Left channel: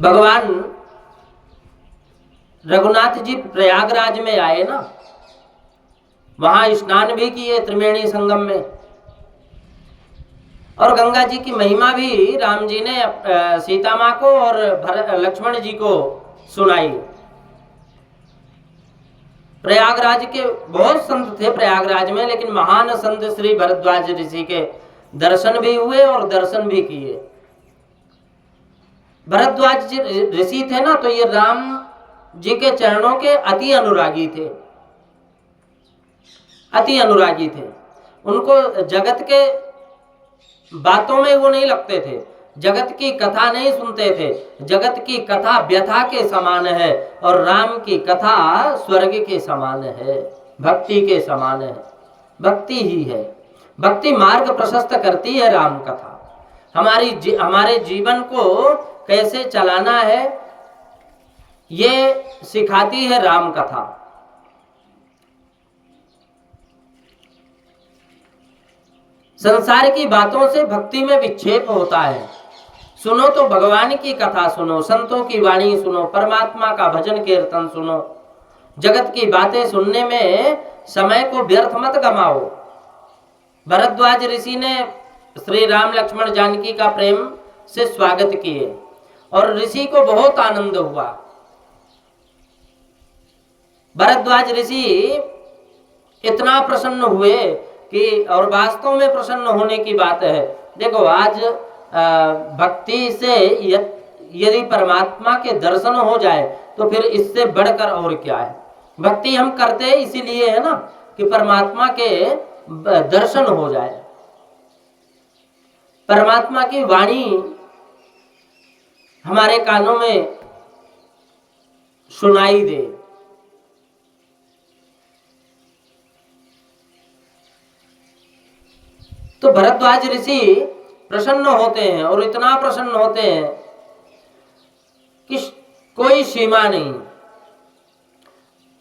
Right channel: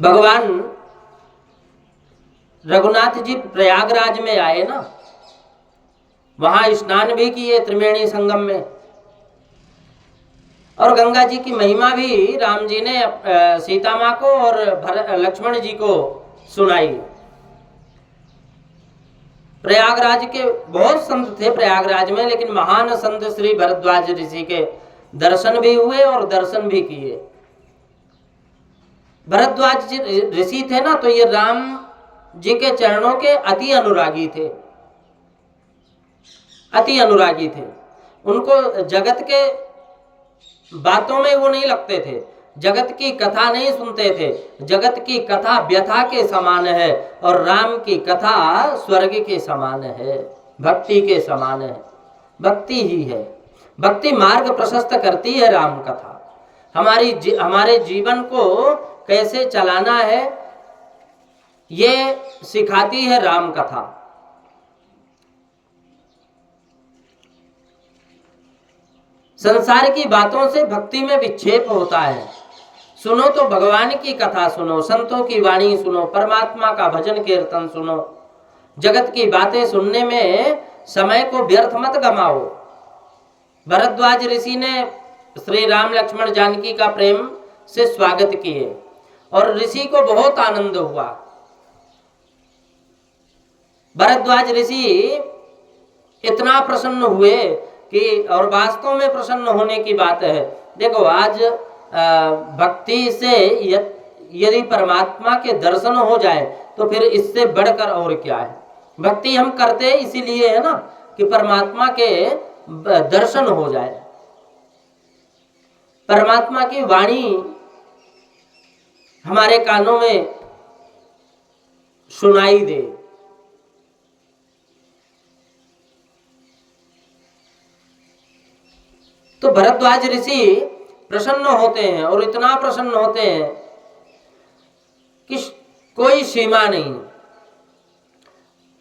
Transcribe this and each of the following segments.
भगवान रघुनाथ जी प्रयागराज में आए ना, वहां स्नान भी किए त्रिवेणी संगम में, और गंगा जी की महिमा भी राम जी ने सीता माँ को और लक्ष्मण जी को सुनाई। प्रयागराज के बहुत संत थे प्रयागराज में, लेकिन महान संत श्री भरद्वाज ऋषि के दर्शन भी हुए और दर्शन भी किए। भरद्वाज जी ऋषि थे ना, तो ये राम जी के चरणों के अति अनुरागी थे, अति अनुरागी थे। उनको जगत के बातों में वो नहीं लगते थे, जगत की कथा नहीं सुनते थे। जगत की कथा व्यथा के समान है और राम की कथा स्वर्ग के समान है, भक्ति के समान है। भक्ति ही है, भक्ति मार्ग प्रशस्त करती है। राम कथा हमारे जीवन को कैसे चलाना है ये सिखाती है राम कथा। संसार की बातों से भक्ति में विक्षेप होता है। सुनो तो भगवान की कथा सुनो, संतों की वाणी सुनो, परमात्मा का भजन कीर्तन सुनो। जगत की बातें सुनने में समय को व्यर्थ मत गमाओ। भरद्वाज ऋषि ने श्री राम लक्ष्मण जानकी का प्रेम से स्वागत किए और ऋषि को बहुत आनंद हुआ। भरद्वाज ऋषि इतना प्रसन्न हुए कि, और वास्तव में प्रसन्न होने की बात है। देखो आज भक्ति से यदि परमात्मा के दर्शन हो जाए तो फिर इससे बढ़कर और क्या है। भक्ति हम करते इसीलिए है ना कि परमात्मा के दर्शन हो जाए, परमात्मा की वाणी हमारे कानों में सुनाई दे। तो भरद्वाज ऋषि प्रसन्न होते हैं और इतना प्रसन्न होते हैं कि कोई सीमा नहीं।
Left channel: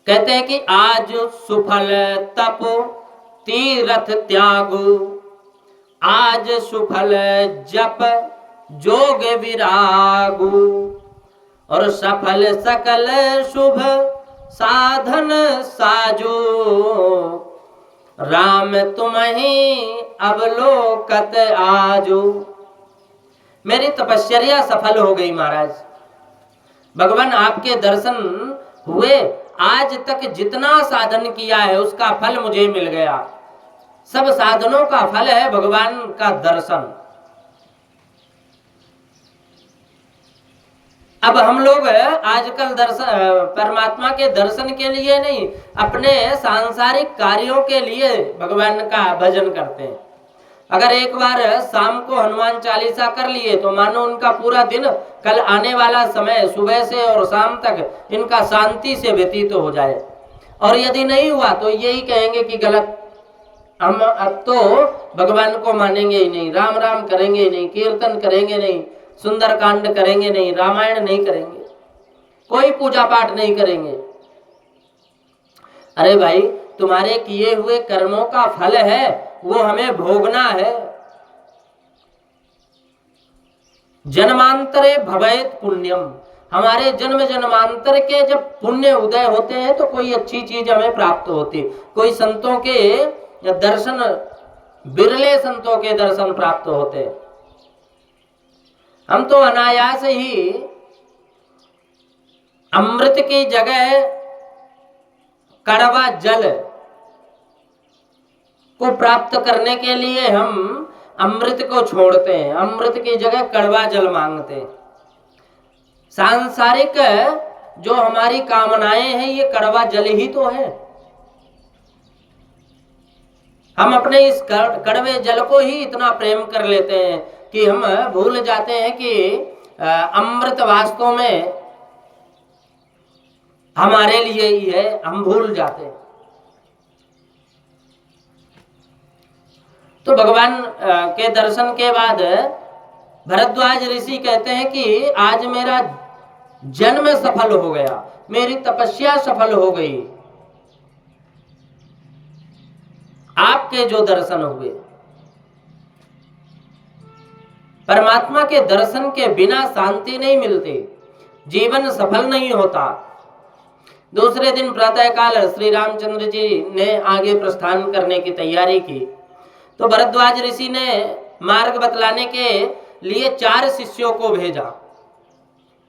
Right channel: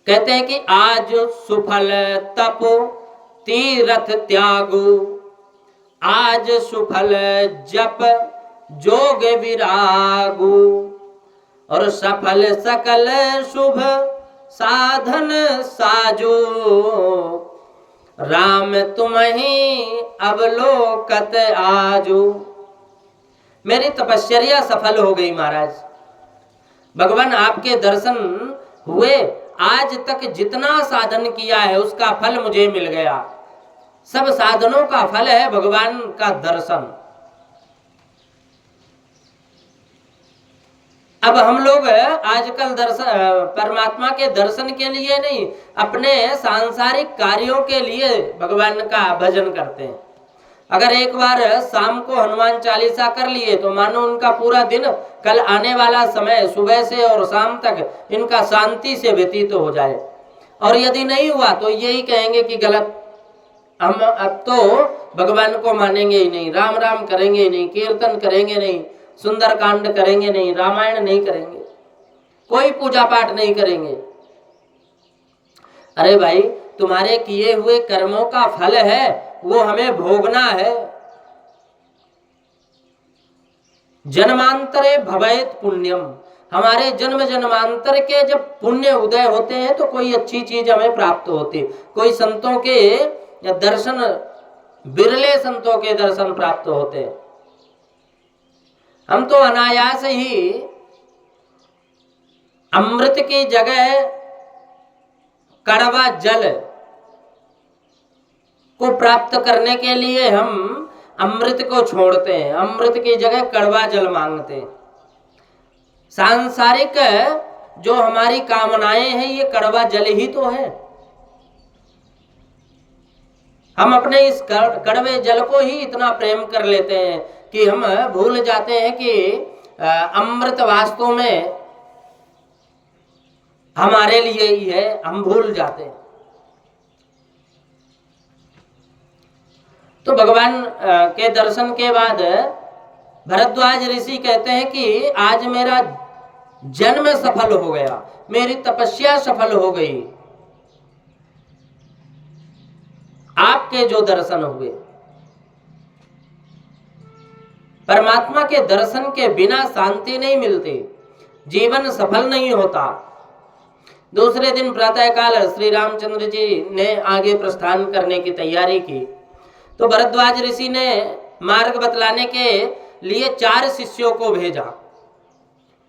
कहते हैं कि आज सुफल तप तीरथ त्यागु, आज सुफल जप जोग विरागु, और सफल सकल शुभ साधन साजो, राम तुम्हीं अवलोकत आजो। मेरी तपस्या सफल हो गई महाराज, भगवान आपके दर्शन हुए। आज तक जितना साधन किया है उसका फल मुझे मिल गया। सब साधनों का फल है भगवान का दर्शन। अब हम लोग आजकल परमात्मा के दर्शन के लिए नहीं, अपने सांसारिक कार्यों के लिए भगवान का भजन करते हैं। अगर एक बार शाम को हनुमान चालीसा कर लिए तो मानो उनका पूरा दिन, कल आने वाला समय सुबह से और शाम तक इनका शांति से व्यतीत हो जाए। और यदि नहीं हुआ तो यही कहेंगे कि गलत, हम अब तो भगवान को मानेंगे ही नहीं, राम राम करेंगे ही नहीं, कीर्तन करेंगे नहीं, सुंदर कांड करेंगे नहीं, रामायण नहीं करेंगे, कोई पूजा पाठ नहीं करेंगे। अरे भाई, तुम्हारे किए हुए कर्मों का फल है, वो हमें भोगना है। जन्मांतरे भवेत पुण्यम, हमारे जन्म जन्मांतर के जब पुण्य उदय होते हैं तो कोई अच्छी चीज हमें प्राप्त होती। कोई संतों के दर्शन, बिरले संतों के दर्शन प्राप्त होते। हम तो अनायास ही अमृत की जगह कड़वा जल को प्राप्त करने के लिए हम अमृत को छोड़ते हैं, अमृत की जगह कड़वा जल मांगते हैं। सांसारिक जो हमारी कामनाएं हैं ये कड़वा जल ही तो है। हम अपने इस कड़वे जल को ही इतना प्रेम कर लेते हैं कि हम भूल जाते हैं कि अमृत वास्तव में हमारे लिए ही है, हम भूल जाते हैं। तो भगवान के दर्शन के बाद भरद्वाज ऋषि कहते हैं कि आज मेरा जन्म सफल हो गया, मेरी तपस्या सफल हो गई, आपके जो दर्शन हुए। परमात्मा के दर्शन के बिना शांति नहीं मिलती। जीवन सफल नहीं होता। दूसरे दिन प्रातःकाल श्री रामचंद्र जी ने आगे प्रस्थान करने की तैयारी की, तो भरद्वाज ऋषि ने मार्ग बतलाने के लिए 4 शिष्यों को भेजा।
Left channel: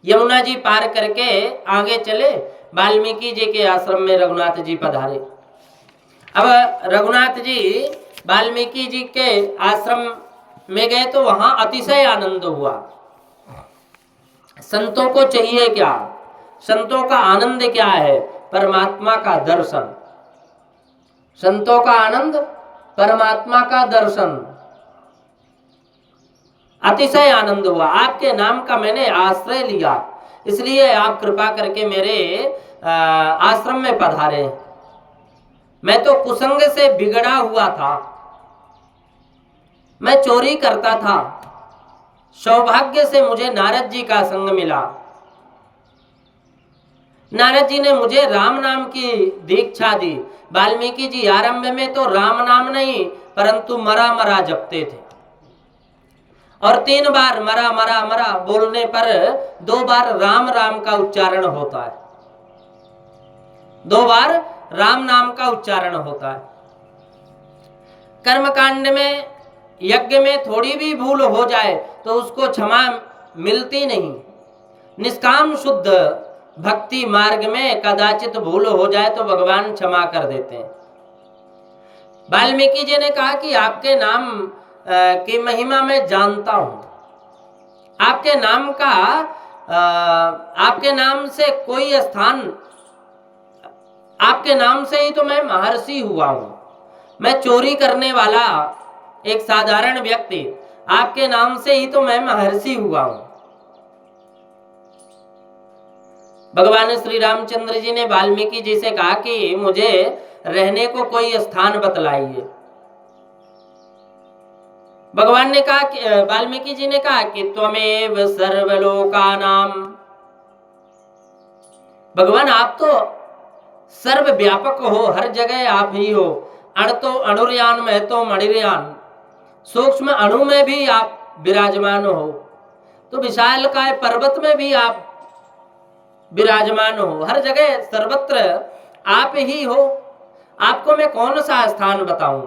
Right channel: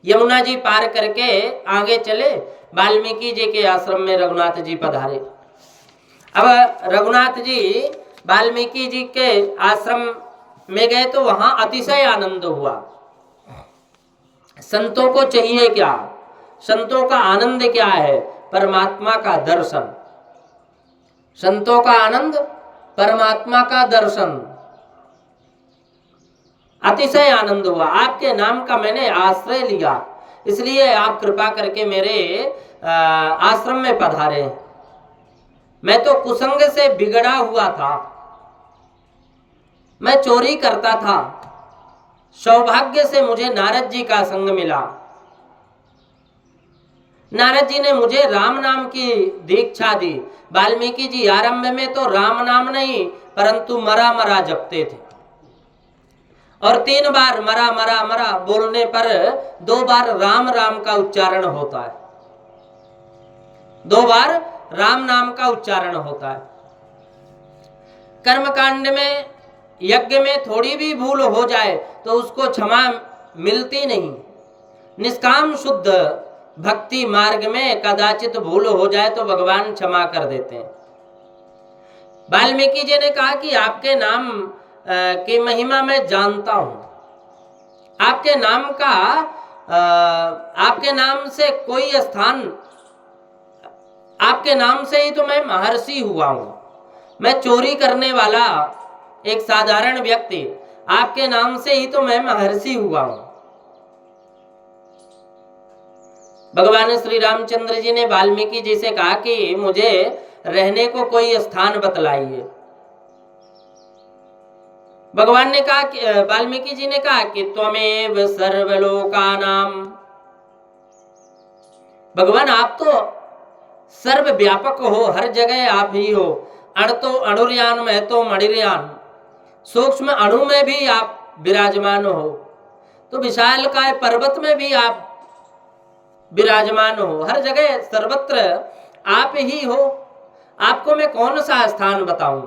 यमुना जी पार करके आगे चले, वाल्मीकि जी के आश्रम में रघुनाथ जी पधारे। अब रघुनाथ जी वाल्मीकि जी के आश्रम में गए तो वहां अतिशय आनंद हुआ। संतों को चाहिए क्या? संतों का आनंद क्या है? परमात्मा का दर्शन। संतों का आनंद परमात्मा का दर्शन। अतिशय आनंद हुआ। आपके नाम का मैंने आश्रय लिया, इसलिए आप कृपा करके मेरे आश्रम में पधारे। मैं तो कुसंग से बिगड़ा हुआ था, मैं चोरी करता था। सौभाग्य से मुझे नारद जी का संग मिला। नारद जी ने मुझे राम नाम की दीक्षा दी। वाल्मीकि जी आरंभ में तो राम नाम नहीं परंतु मरा मरा जपते थे, और 3 बार मरा मरा मरा बोलने पर 2 बार राम राम का उच्चारण होता है। 2 बार राम नाम का उच्चारण होता है। कर्मकांड में, यज्ञ में थोड़ी भी भूल हो जाए तो उसको क्षमा मिलती नहीं। निष्काम शुद्ध भक्ति मार्ग में कदाचित भूल हो जाए तो भगवान क्षमा कर देते हैं। वाल्मीकि जी ने कहा कि आपके नाम की महिमा मैं जानता हूं। आपके नाम का आपके नाम से कोई स्थान, आपके नाम से ही तो मैं महर्षि हुआ हूं। मैं चोरी करने वाला एक साधारण व्यक्ति, आपके नाम से ही तो मैं महर्षि हुआ हूं। भगवान श्री रामचंद्र जी ने वाल्मीकि जी से कहा कि मुझे रहने को कोई स्थान बतलाइए। भगवान ने कहा कि वाल्मीकि जी ने कहा कि त्वमेव सर्वलोकानाम। भगवान आप तो सर्वव्यापक हो, हर जगह आप ही हो। अण तो अणुर्यान में तो मणिर्यान, सूक्ष्म अणु में भी आप विराजमान हो, तो विशालकाय पर्वत में भी आप विराजमान हो। हर जगह सर्वत्र आप ही हो। आपको मैं कौन सा स्थान बताऊं?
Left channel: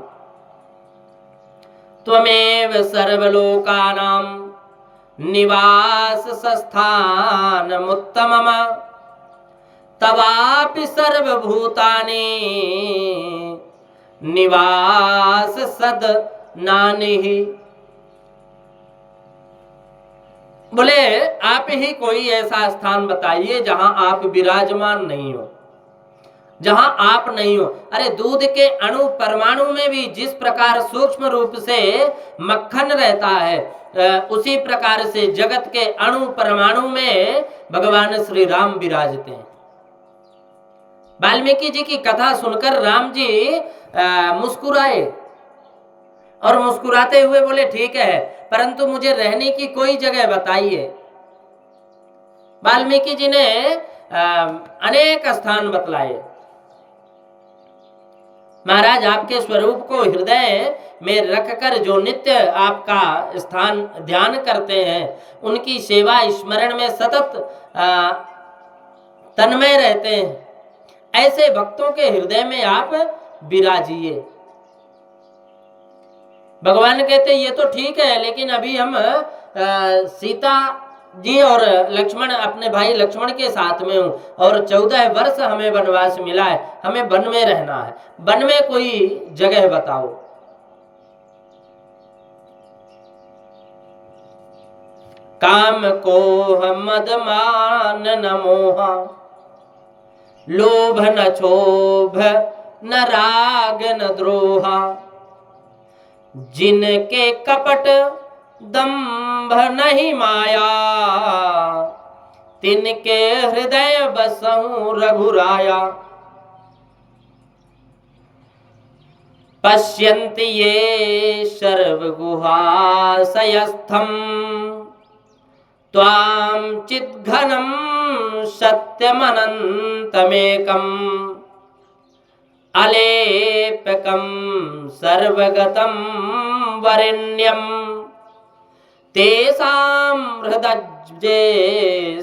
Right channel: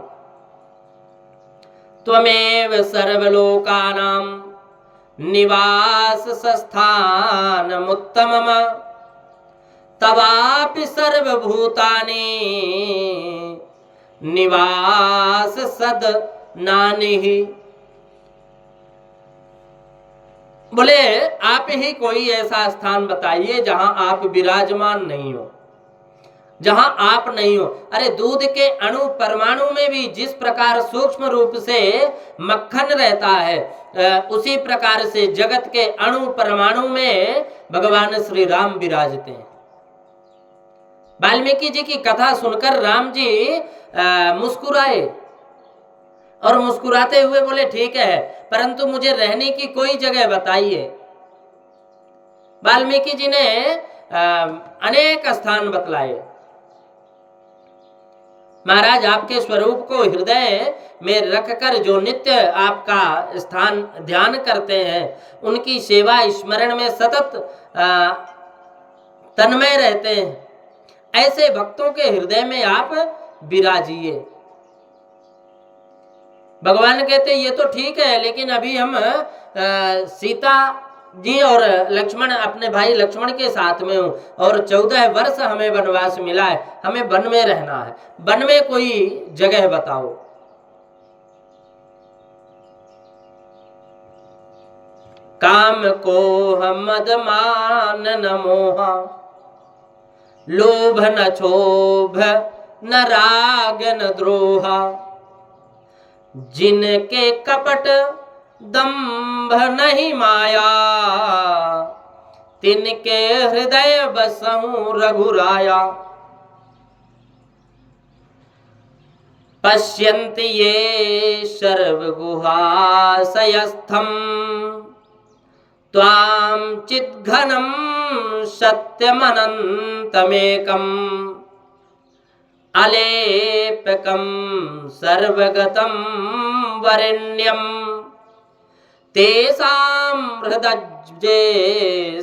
त्वमेव सर्वलोकानां निवास स्थानमुत्तमम् तवापि सर्वभूतानि निवास सद नानिहि। बोले आप ही कोई ऐसा स्थान बताइए जहां आप विराजमान नहीं हो, जहां आप नहीं हो। अरे दूध के अणु परमाणु में भी जिस प्रकार सूक्ष्म रूप से मक्खन रहता है, उसी प्रकार से जगत के अणु परमाणु में भगवान श्री राम विराजते हैं। वाल्मीकि जी की कथा सुनकर राम जी मुस्कुराए और मुस्कुराते हुए बोले ठीक है, परंतु मुझे रहने की कोई जगह बताइए। वाल्मीकि जी ने अनेक स्थान बतलाए। महाराज आपके स्वरूप को हृदय में रखकर जो नित्य आपका स्थान ध्यान करते हैं, उनकी सेवा स्मरण में सतत तन्मय रहते हैं, ऐसे भक्तों के हृदय में आप विराजिए। भगवान कहते ये तो ठीक है, लेकिन अभी हम सीता जी और लक्ष्मण, अपने भाई लक्ष्मण के साथ में हूँ, और 14 वर्ष हमें वनवास मिला है, हमें वन में रहना है। वन में कोई जगह बताओ। काम कोह मद मान न मोहा, लोभ न क्षोभ न राग न द्रोहा, जिनके कपट दंभ नहीं माया, तिनके हृदय बसहु रघुराया। पश्यन्ति ये सर्वगुहाशयस्थं त्वां चिद्घनं सत्यमनन्तमेकम् अलेपकं सर्वगतं वरेण्यं तेषां हृदये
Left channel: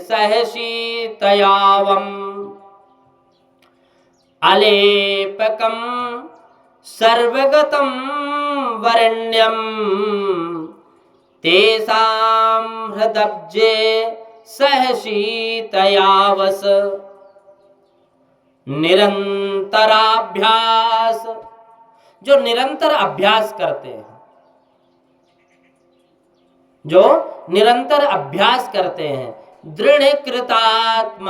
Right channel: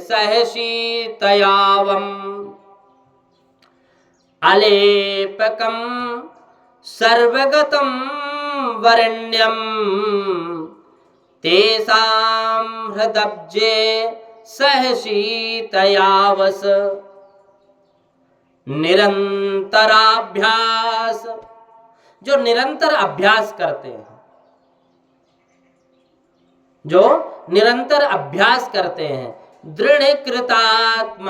सहशीतयावम् अलेपकं सर्वगतं वरेण्यं तेषां हृदये सहशीतयावस। निरंतराभ्यास, जो निरंतर अभ्यास करते हैं, जो निरंतर अभ्यास करते हैं, दृढ़ कृतात्मनानाम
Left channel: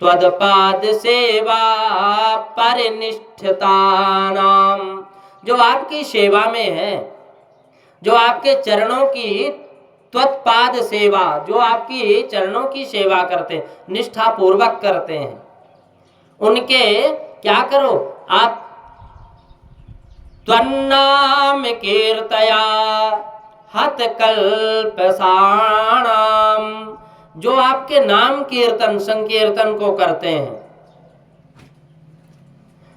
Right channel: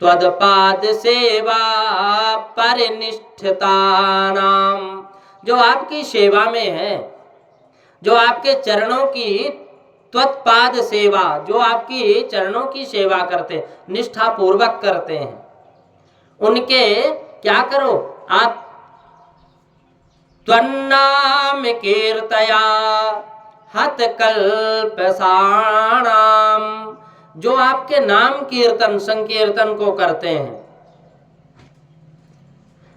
त्वदपाद सेवा परिनिष्ठितानाम, जो आपकी सेवा में है, जो आपके चरणों की त्वत्पाद सेवा, जो आपकी चरणों की सेवा करते हैं, निष्ठा पूर्वक करते हैं, उनके क्या करो आप, त्वन्नाम कीर्तया हतकल्पसाणाम, जो आपके नाम कीर्तन संकीर्तन को करते हैं।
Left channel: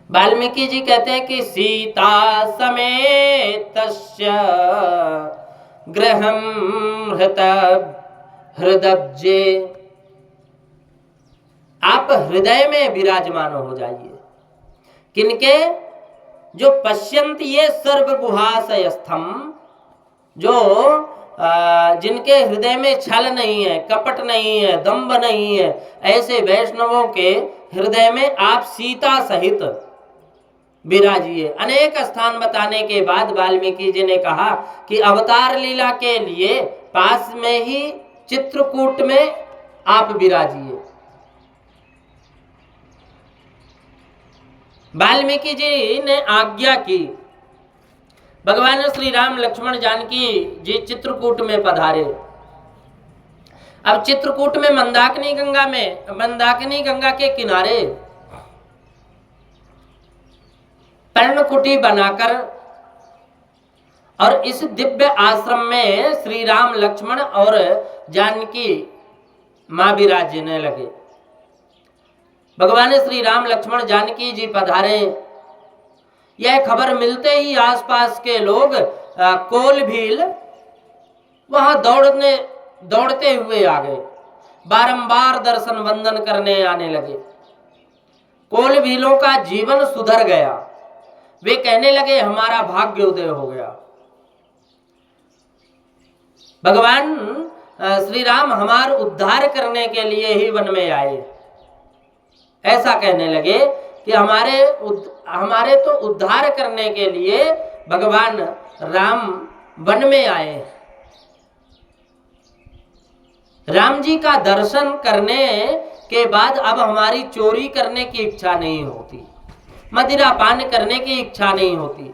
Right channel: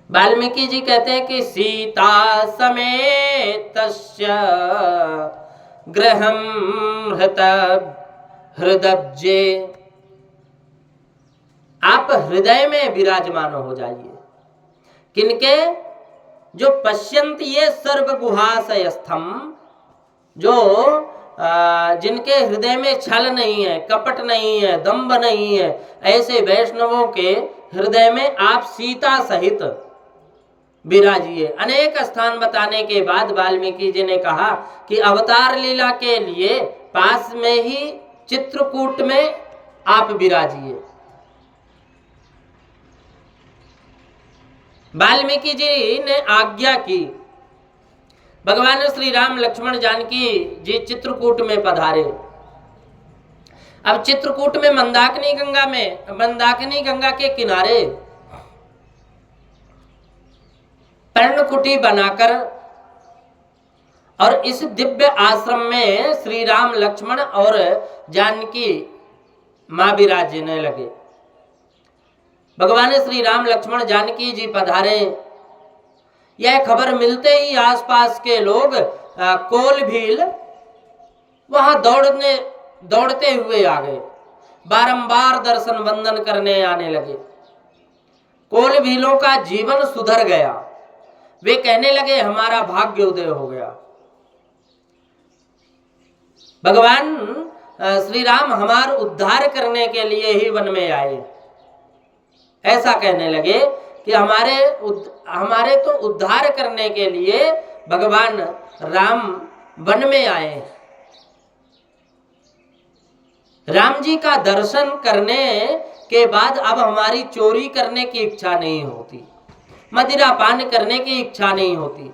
वाल्मीकि जी कहते हैं कि सीता समेतस्य गृहं हृदब्जे, आप हृदय में विराजमान हो जाइए। किनके? जो पश्यन्ति ये सर्वगुहाशयस्थम, जो जिनके हृदय में छल नहीं है, कपट नहीं है, दंभ नहीं है, ऐसे वैष्णवों के हृदय में आप सीता सहित विराजिए। अनेक स्थान बताने के बाद वाल्मीकि जी ने कहा कि अवतार लीला के लिए पास में ही चित्रकूट में आप विराजिए। वाल्मीकि जी ने आज्ञा की, भगवान श्री राम लक्ष्मण जानकी जी चित्रकूट में पधारे। अब चित्रकूट में मंदाकिनी गंगा के किनारे पर्णकुटी बनाकर और इस दिव्य आश्रम में श्री राम लक्ष्मण और जानकी मां विराजने लगे। भगवान श्री राम लक्ष्मण जानकी जी पधारे। यह खबर मिलते ही आसपास के लोग कोल भील वहां दौड़ते हुए आ गए, बारंबार दर्शन वंदन करने आने लगे। कोल भीलों का जीवन सुधर गया। वे कहने लगे हमारा भाग्य उदय हो गया, भगवान श्री राम हमारा उद्धार करने के लिए ही वन में आए। ऐसा कहने लगे कि हमारे तो उद्धार करने के लिए भगवान राम वन में आए। राम जी का दर्शन करने के बाद अब हमारी चोरी करने की इच्छा नहीं होती, मदिरा पान करने की इच्छा नहीं होती।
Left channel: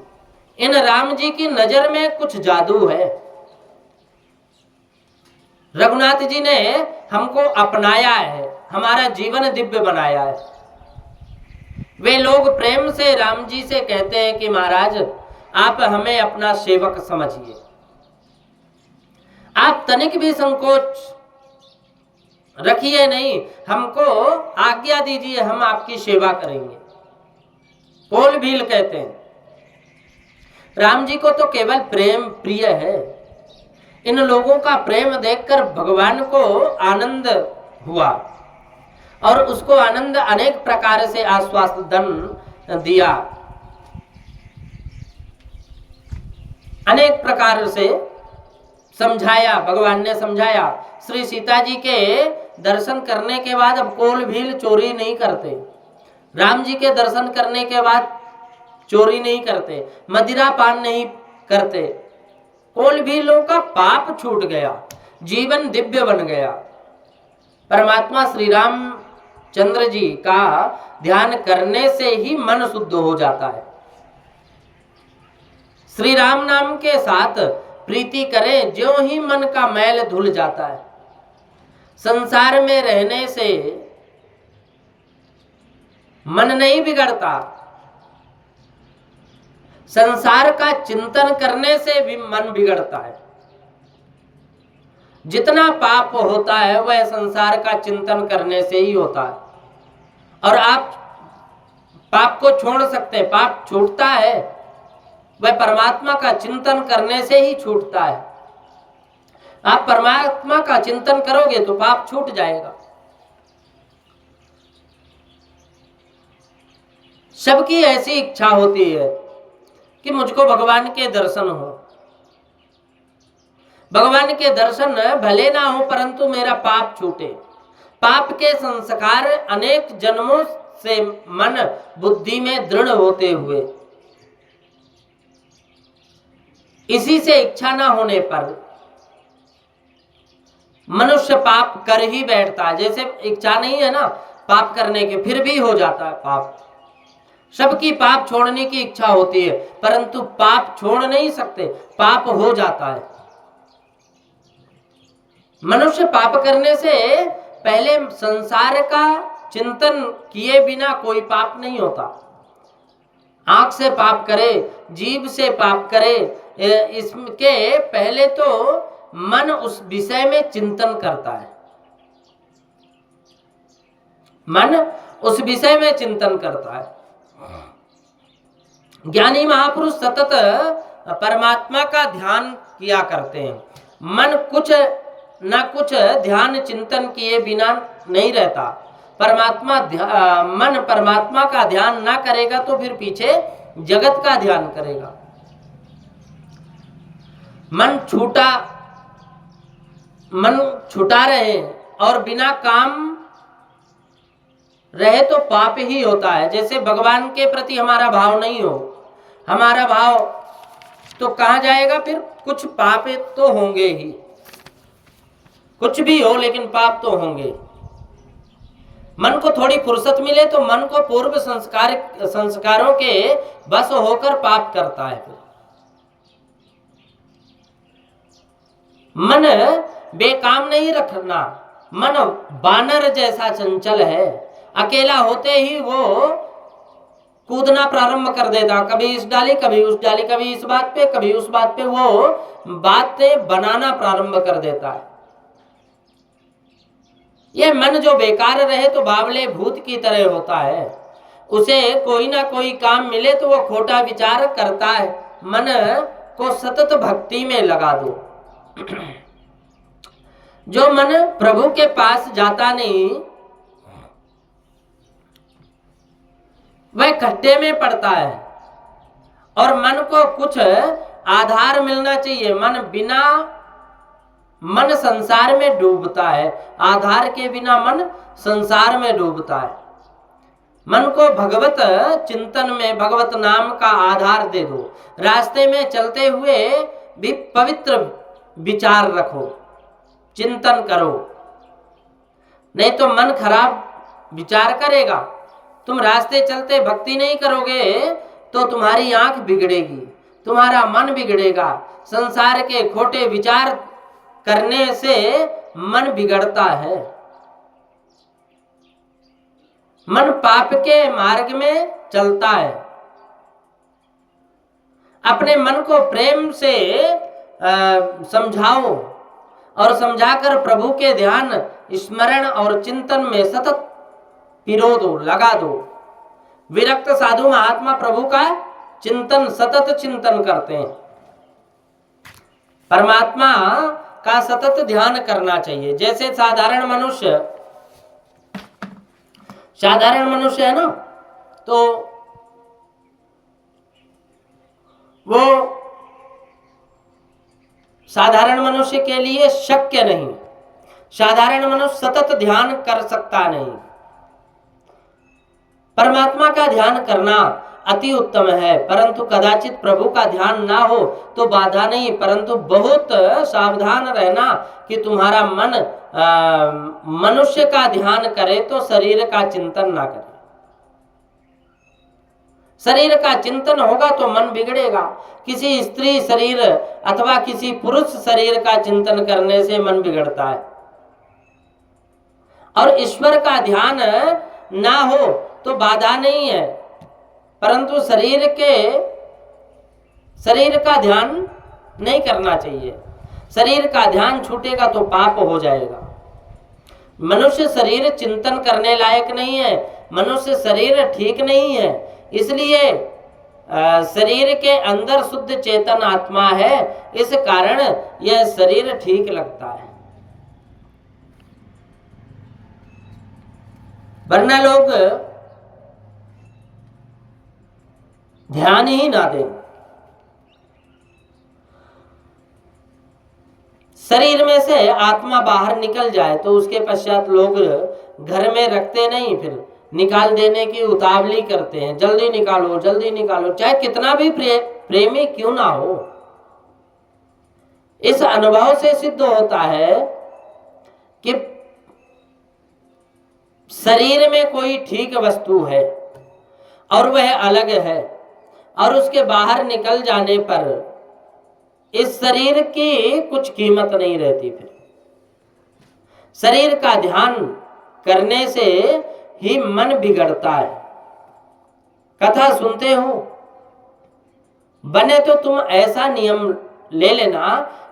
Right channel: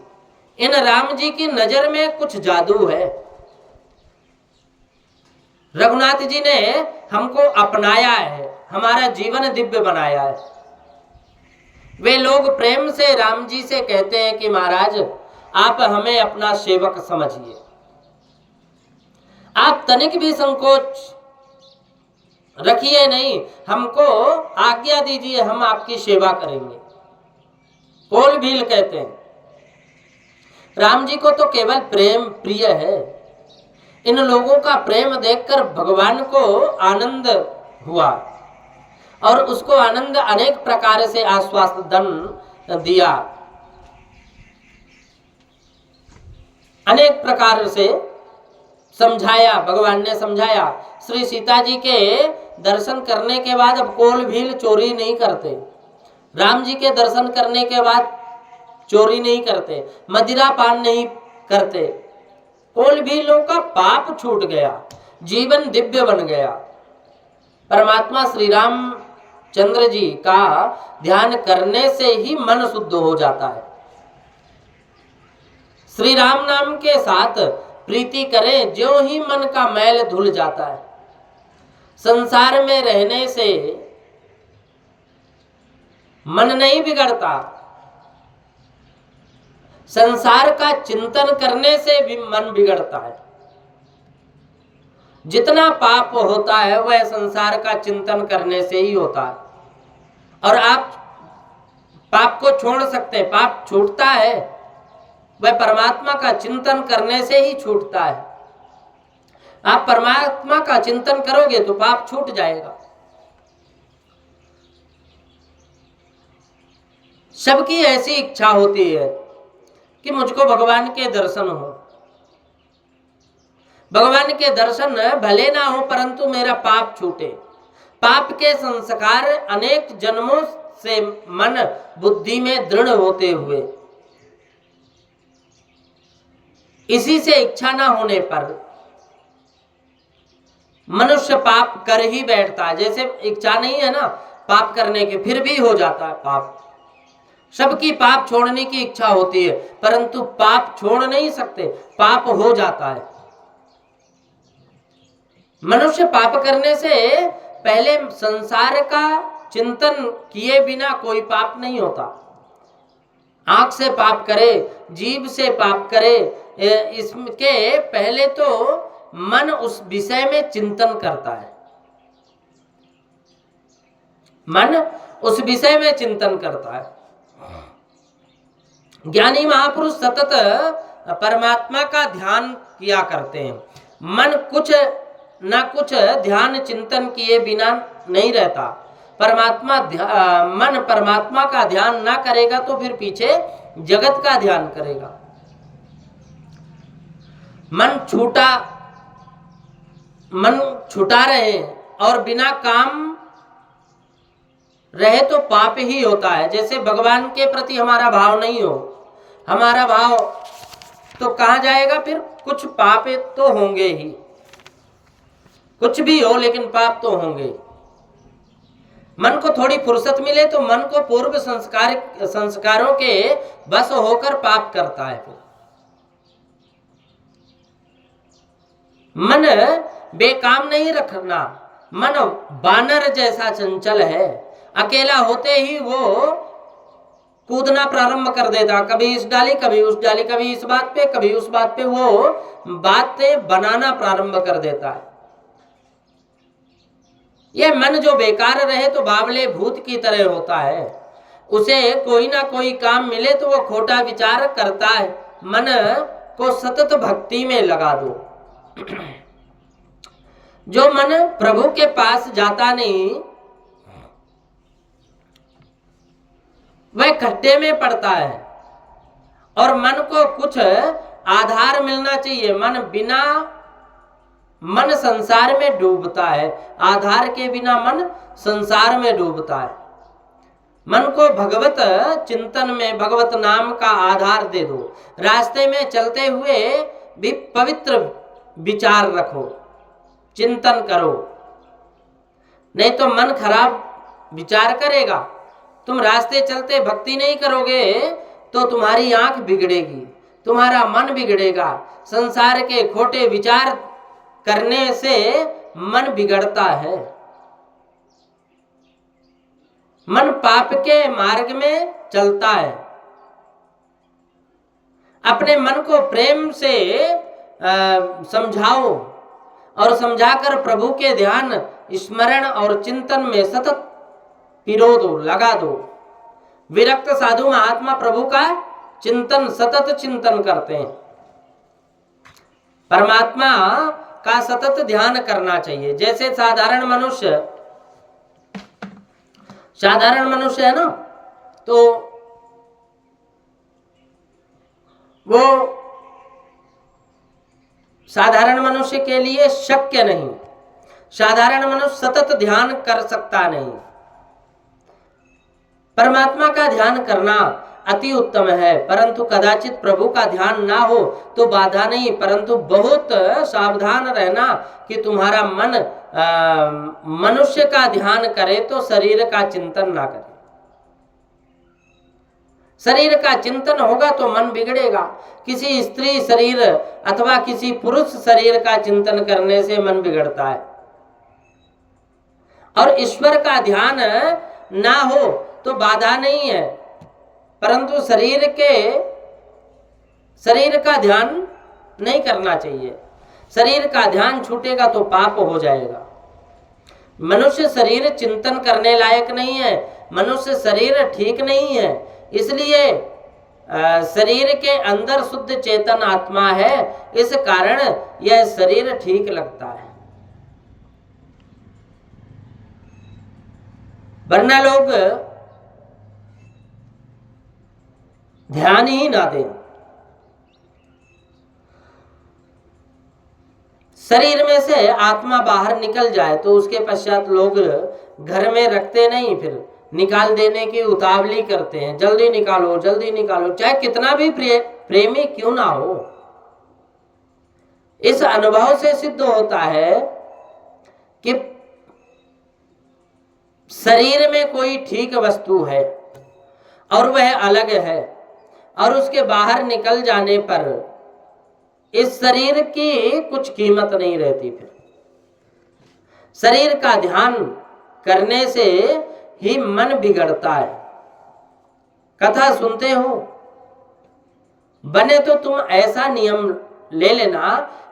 इन राम जी की नजर में कुछ जादू है। रघुनाथ जी ने हमको अपनाया है, हमारा जीवन दिव्य बनाया है। वे लोग प्रेम से राम जी से कहते हैं कि महाराज आप हमें अपना सेवक समझिए, आप तनिक भी संकोच रखिए नहीं, हमको आज्ञा दीजिए, हम आपकी सेवा करेंगे। कोल भील कहते हैं राम जी को तो केवल प्रेम प्रिय है। इन लोगों का प्रेम देखकर भगवान को आनंद हुआ और उसको आनंद अनेक प्रकार से आश्वासन दिया, अनेक प्रकार से समझाया, भगवान ने समझाया। श्री सीता जी के दर्शन करने के बाद अब कोल भील चोरी नहीं करते, राम जी के दर्शन करने के बाद चोरी नहीं करते, मदिरा पान नहीं करते। कोल भीलों का पाप छूट गया, जीवन दिव्य बन गया। परमात्मा श्री राम चंद्र जी का ध्यान करने से ही मन शुद्ध हो जाता है। श्री राम नाम के साथ प्रीति करें, ज्यों ही मन का मैल धुल जाता है। संसार में रहने से मन नहीं बिगड़ता, संसार का चिंतन करने से भी मन बिगड़ता है। जितना पाप होता है वह संसार का चिंतन करने से ही होता है। और आप पाप को छोड़ सकते हैं, पाप छूटता है वह परमात्मा का चिंतन करने से ही छूटता है। आप परमात्मा का चिंतन करोगे तो पाप छूट जाएगा। सबकी ऐसी इच्छा होती है कि मुझको भगवान के दर्शन हो। भगवान के दर्शन भले ना हो परंतु मेरा पाप छूटे। पाप के संस्कार अनेक जन्मों से मन बुद्धि में दृढ़ होते हुए, इसी से इच्छा ना होने पर मनुष्य पाप कर ही बैठता है। जैसे इच्छा नहीं है ना पाप करने की, फिर भी हो जाता है पाप। सबकी पाप छोड़ने की इच्छा होती है परंतु पाप छोड़ नहीं सकते, पाप हो जाता है। मनुष्य पाप करने से पहले संसार का चिंतन किए बिना कोई पाप नहीं होता। आंख से पाप करे, जीभ से पाप करे, इसके पहले तो मन उस विषय में चिंतन करता है। मन उस विषय में चिंतन करता है। ज्ञानी महापुरुष सतत परमात्मा का ध्यान किया करते हैं। मन कुछ ना कुछ ध्यान चिंतन किए बिना नहीं रहता। मन परमात्मा का ध्यान ना करेगा तो फिर पीछे जगत का ध्यान करेगा। मन छूटा रहे और बिना काम रहे तो पाप ही होता है। जैसे भगवान के प्रति हमारा भाव नहीं हो, हमारा भाव तो कहाँ जाएगा, फिर कुछ पाप तो होंगे ही। कुछ भी हो लेकिन पाप तो होंगे। मन को थोड़ी फुर्सत मिले तो मन को पूर्व संस्कारों के बस होकर पाप करता है। फिर मन बेकाम नहीं रखना। मन बानर जैसा चंचल है, अकेला होते ही वो कूदना प्रारंभ कर देता, कभी इस डाली कभी उस डाली, कभी इस बात पे कभी उस बात पे, वो बातें बनाना प्रारंभ कर देता है। यह मन जो बेकार रहे तो बावले भूत की तरह होता है। उसे कोई ना कोई काम मिले तो वो खोटा विचार करता है। मन को सतत भक्ति में लगा दो। जो मन प्रभु के पास जाता नहीं वह खड्डे में पड़ता है। और मन को कुछ आधार मिलना चाहिए। मन संसार में डूबता है, आधार के बिना मन संसार में डूबता है। मन को भगवत चिंतन में भगवत नाम का आधार दे दो। रास्ते में चलते हुए भी पवित्र विचार रखो, चिंतन करो, नहीं तो मन खराब विचार करेगा। तुम रास्ते चलते भक्ति नहीं करोगे तो तुम्हारी आंख बिगड़ेगी, तुम्हारा मन बिगड़ेगा। संसार के खोटे विचार करने से मन बिगड़ता है। मन पाप के मार्ग में चलता है। अपने मन को प्रेम से समझाओ और समझाकर प्रभु के ध्यान, स्मरण और चिंतन में सतत पिरो दो, लगा दो। विरक्त साधु महात्मा प्रभु का चिंतन, सतत चिंतन करते हैं। परमात्मा का सतत ध्यान करना चाहिए। जैसे साधारण मनुष्य है ना, तो वो साधारण मनुष्य के लिए शक्य नहीं। साधारण मनुष्य सतत ध्यान कर सकता नहीं। परमात्मा का ध्यान करना अति उत्तम है, परंतु कदाचित प्रभु का ध्यान ना हो तो बाधा नहीं, परंतु बहुत सावधान रहना कि तुम्हारा मन मनुष्य का ध्यान करे तो शरीर का चिंतन ना करे। शरीर का चिंतन होगा तो मन बिगड़ेगा। किसी स्त्री शरीर अथवा किसी पुरुष शरीर का चिंतन करने से मन बिगड़ता है। और ईश्वर का ध्यान ना हो तो बाधा नहीं है, परंतु शरीर का ध्यान नहीं करना चाहिए। शरीर का ध्यान छूटेगा तो पाप हो जाएगा। मनुष्य शरीर चिंतन करने लायक नहीं है, मनुष्य शरीर ठीक नहीं है। इसलिए शरीर के अंदर शुद्ध चेतन आत्मा है, इस कारण यह शरीर ठीक लगता है। वरना लोग ध्यान ही ना दें। शरीर में से आत्मा बाहर निकल जाए तो उसके पश्चात लोग घर में रखते नहीं, फिर निकाल देने की उतावली करते हैं, जल्दी निकालो जल्दी निकालो, चाहे कितना भी प्रेमी क्यों ना हो। इस अनुभव से सिद्ध होता है कि शरीर में कोई ठीक वस्तु है और वह अलग है, और उसके बाहर निकल जाने पर इस शरीर की कुछ कीमत नहीं रहती। फिर शरीर का ध्यान करने से ही मन बिगड़ता है। कथा सुनते हो, बने तो तुम ऐसा नियम ले लेना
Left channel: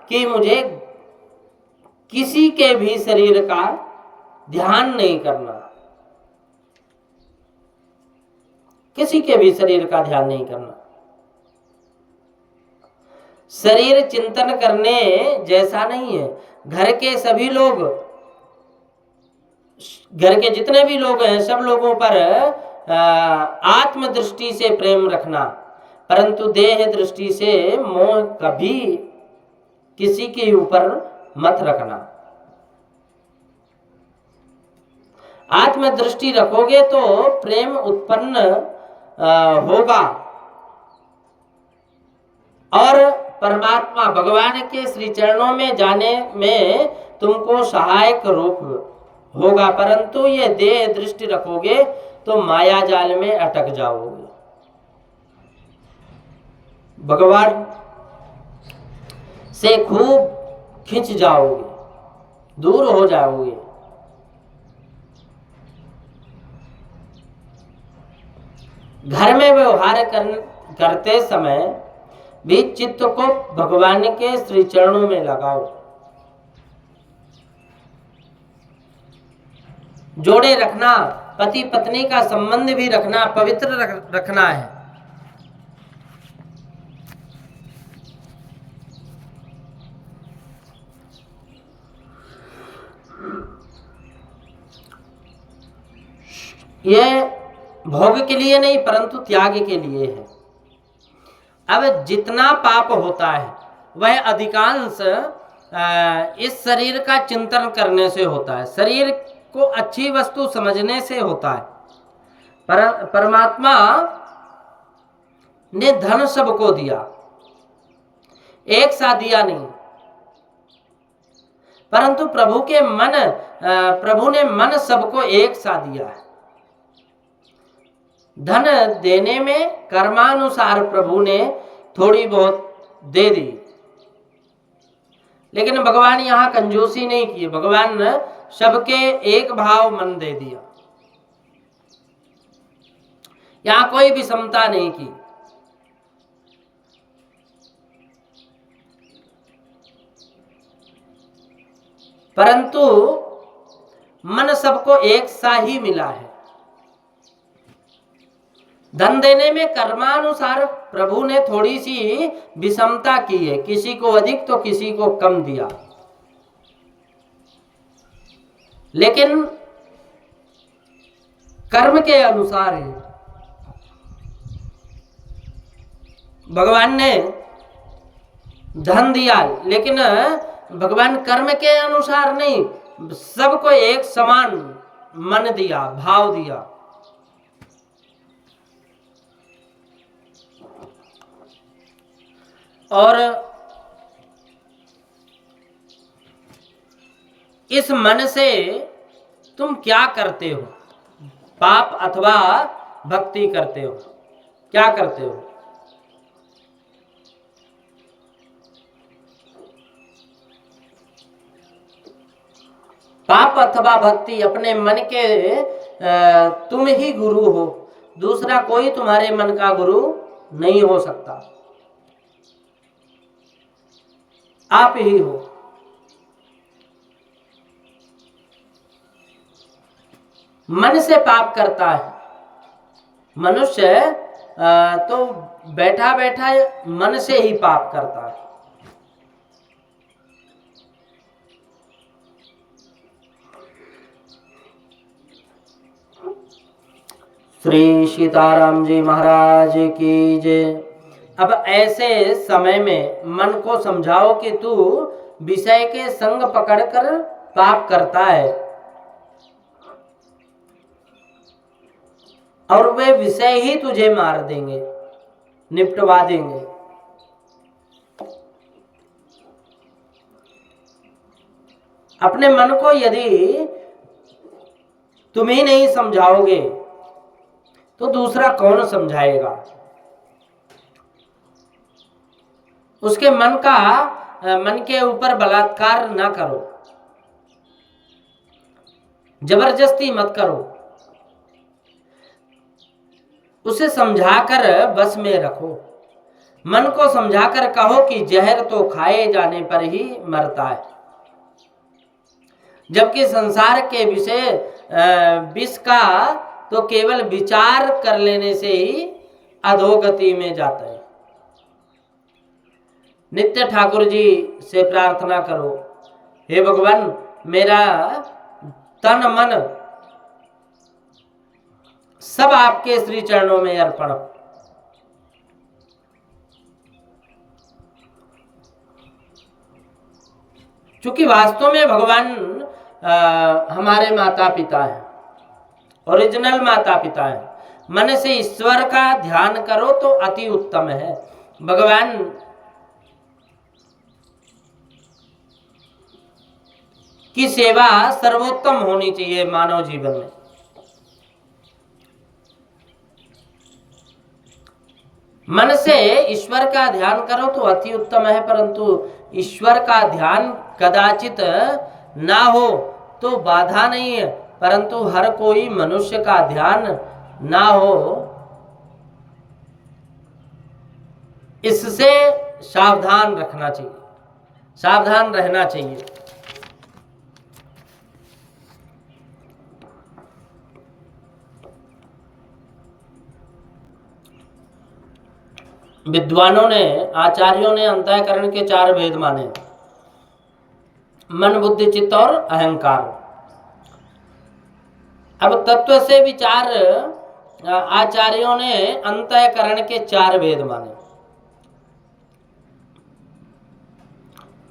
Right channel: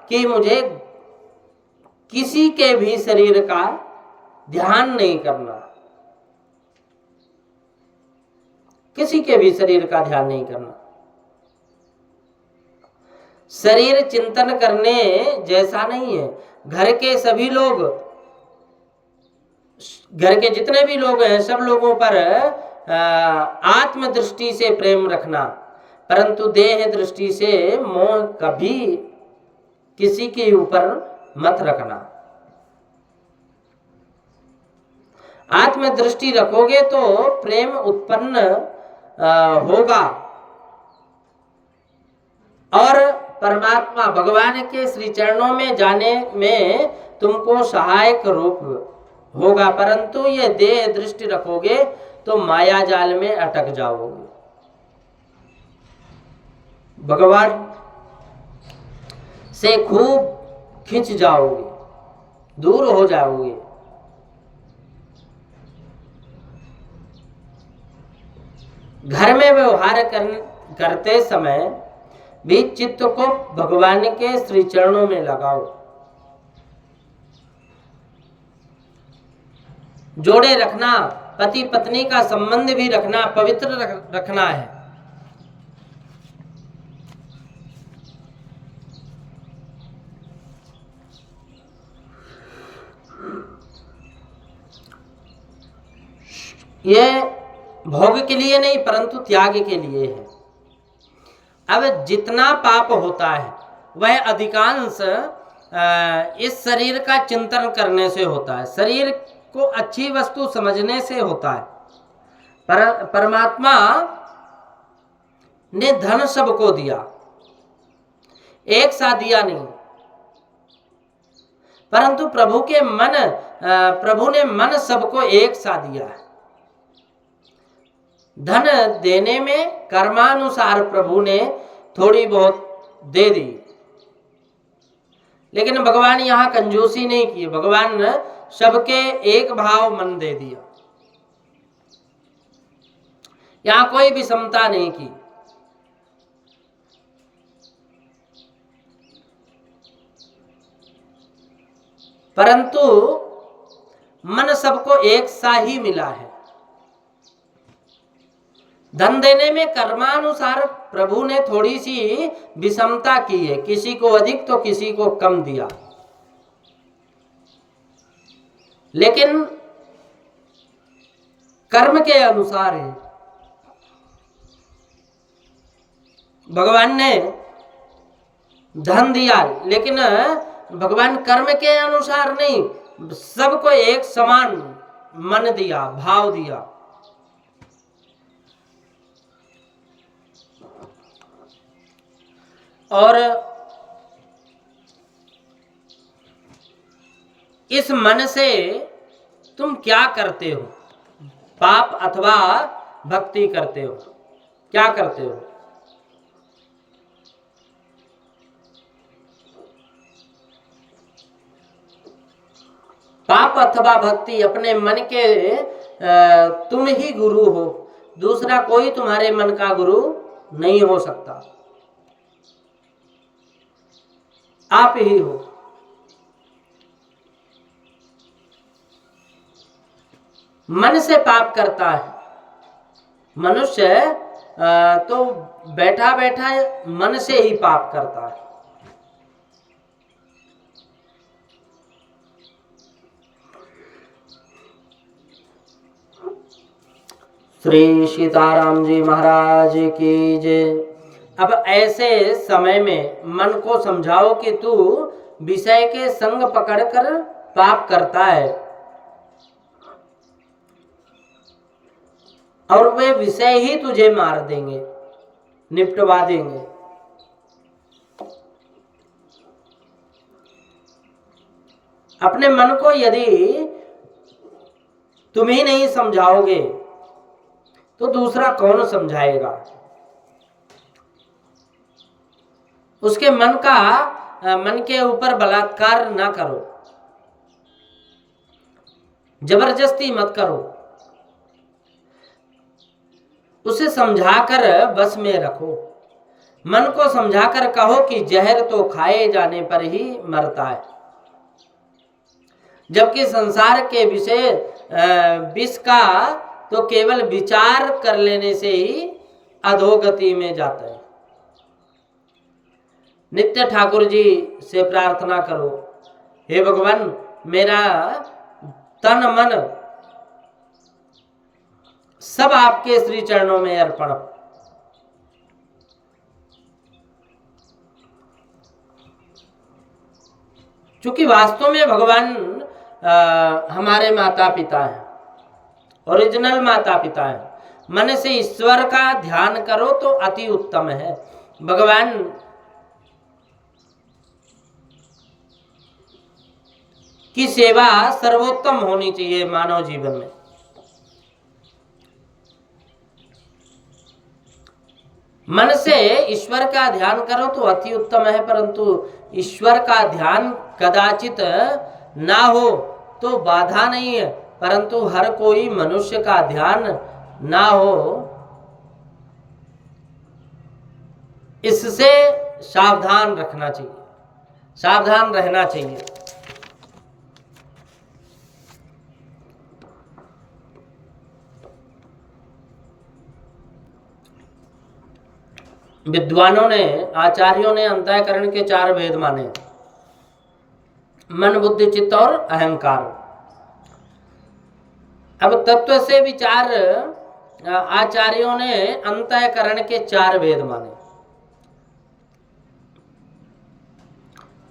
कि मुझे किसी के भी शरीर का ध्यान नहीं करना, किसी के भी शरीर का ध्यान नहीं करना। शरीर चिंतन करने जैसा नहीं है। घर के सभी लोग, घर के जितने भी लोग हैं, सब लोगों पर आत्म दृष्टि से प्रेम रखना, परंतु देह दृष्टि से मोह कभी किसी के ऊपर मत रखना। आत्म दृष्टि रखोगे तो प्रेम उत्पन्न होगा और परमात्मा भगवान के श्री चरणों में जाने में तुमको सहायक रूप होगा। परंतु ये देह दृष्टि रखोगे तो माया जाल में अटक जाओगे, भगवान से खूब खिंच जाओगे, दूर हो जाओगे। घर में व्यवहार करते समय भी चित्त को भगवान के श्री चरणों में लगाओ। जोड़े रखना, पति पत्नी का संबंध भी रखना, पवित्र रखना है। ये भोग के लिए नहीं परंतु त्याग के लिए है। अब जितना पाप होता है वह अधिकांश इस शरीर का चिंतन करने से होता है, शरीर को अच्छी वस्तु समझने से होता है। परमात्मा ने धन सबको दिया, एक साथ दिया नहीं, परंतु प्रभु ने मन सबको एक साथ दिया है। धन देने में कर्मानुसार प्रभु ने थोड़ी बहुत दे दी, लेकिन भगवान यहाँ कंजूसी नहीं की। भगवान ने सबके एक भाव मन दे दिया, यहाँ कोई भी समता नहीं की। परंतु मन सबको एक सा ही मिला है। धन देने में कर्मानुसार प्रभु ने थोड़ी सी विषमता की है, किसी को अधिक तो किसी को कम दिया, लेकिन कर्म के अनुसार है। भगवान ने धन दिया, लेकिन भगवान कर्म के अनुसार नहीं, सबको एक समान मन दिया, भाव दिया। और इस मन से तुम क्या करते हो? पाप अथवा भक्ति करते हो? क्या करते हो? पाप अथवा भक्ति अपने मन के तुम ही गुरु हो, दूसरा कोई तुम्हारे मन का गुरु नहीं हो सकता, आप ही हो। मन से पाप करता है मनुष्य, तो बैठा बैठा मन से ही पाप करता है। श्री सीताराम जी महाराज की जय। अब ऐसे समय में मन को समझाओ कि तू विषय के संग पकड़कर पाप करता है और वे विषय ही तुझे मार देंगे, निपटवा देंगे। अपने मन को यदि तुम ही नहीं समझाओगे तो दूसरा कौन समझाएगा? उसके मन के ऊपर बलात्कार ना करो, जबरदस्ती मत करो, उसे समझाकर बस में रखो। मन को समझाकर कहो कि जहर तो खाए जाने पर ही मरता है, जबकि संसार के विषय विष का तो केवल विचार कर लेने से ही अधोगति में जाता है। नित्य ठाकुर जी से प्रार्थना करो, हे भगवान मेरा तन मन सब आपके श्री चरणों में अर्पण। क्योंकि वास्तव में भगवान हमारे माता पिता हैं, ओरिजिनल माता पिता हैं। मन से ईश्वर का ध्यान करो तो अति उत्तम है। भगवान की सेवा सर्वोत्तम होनी चाहिए मानव जीवन में। मन से ईश्वर का ध्यान करो तो अति उत्तम है, परंतु ईश्वर का ध्यान कदाचित ना हो तो बाधा नहीं है, परंतु हर कोई मनुष्य का ध्यान ना हो, इससे सावधान रखना चाहिए, सावधान रहना चाहिए। विद्वानों ने, आचार्यों ने अंतःकरण के 4 भेद माने, मन बुद्धि चित्त और अहंकार। अब तत्व से विचार आचार्यों ने अंतःकरण के 4 भेद माने।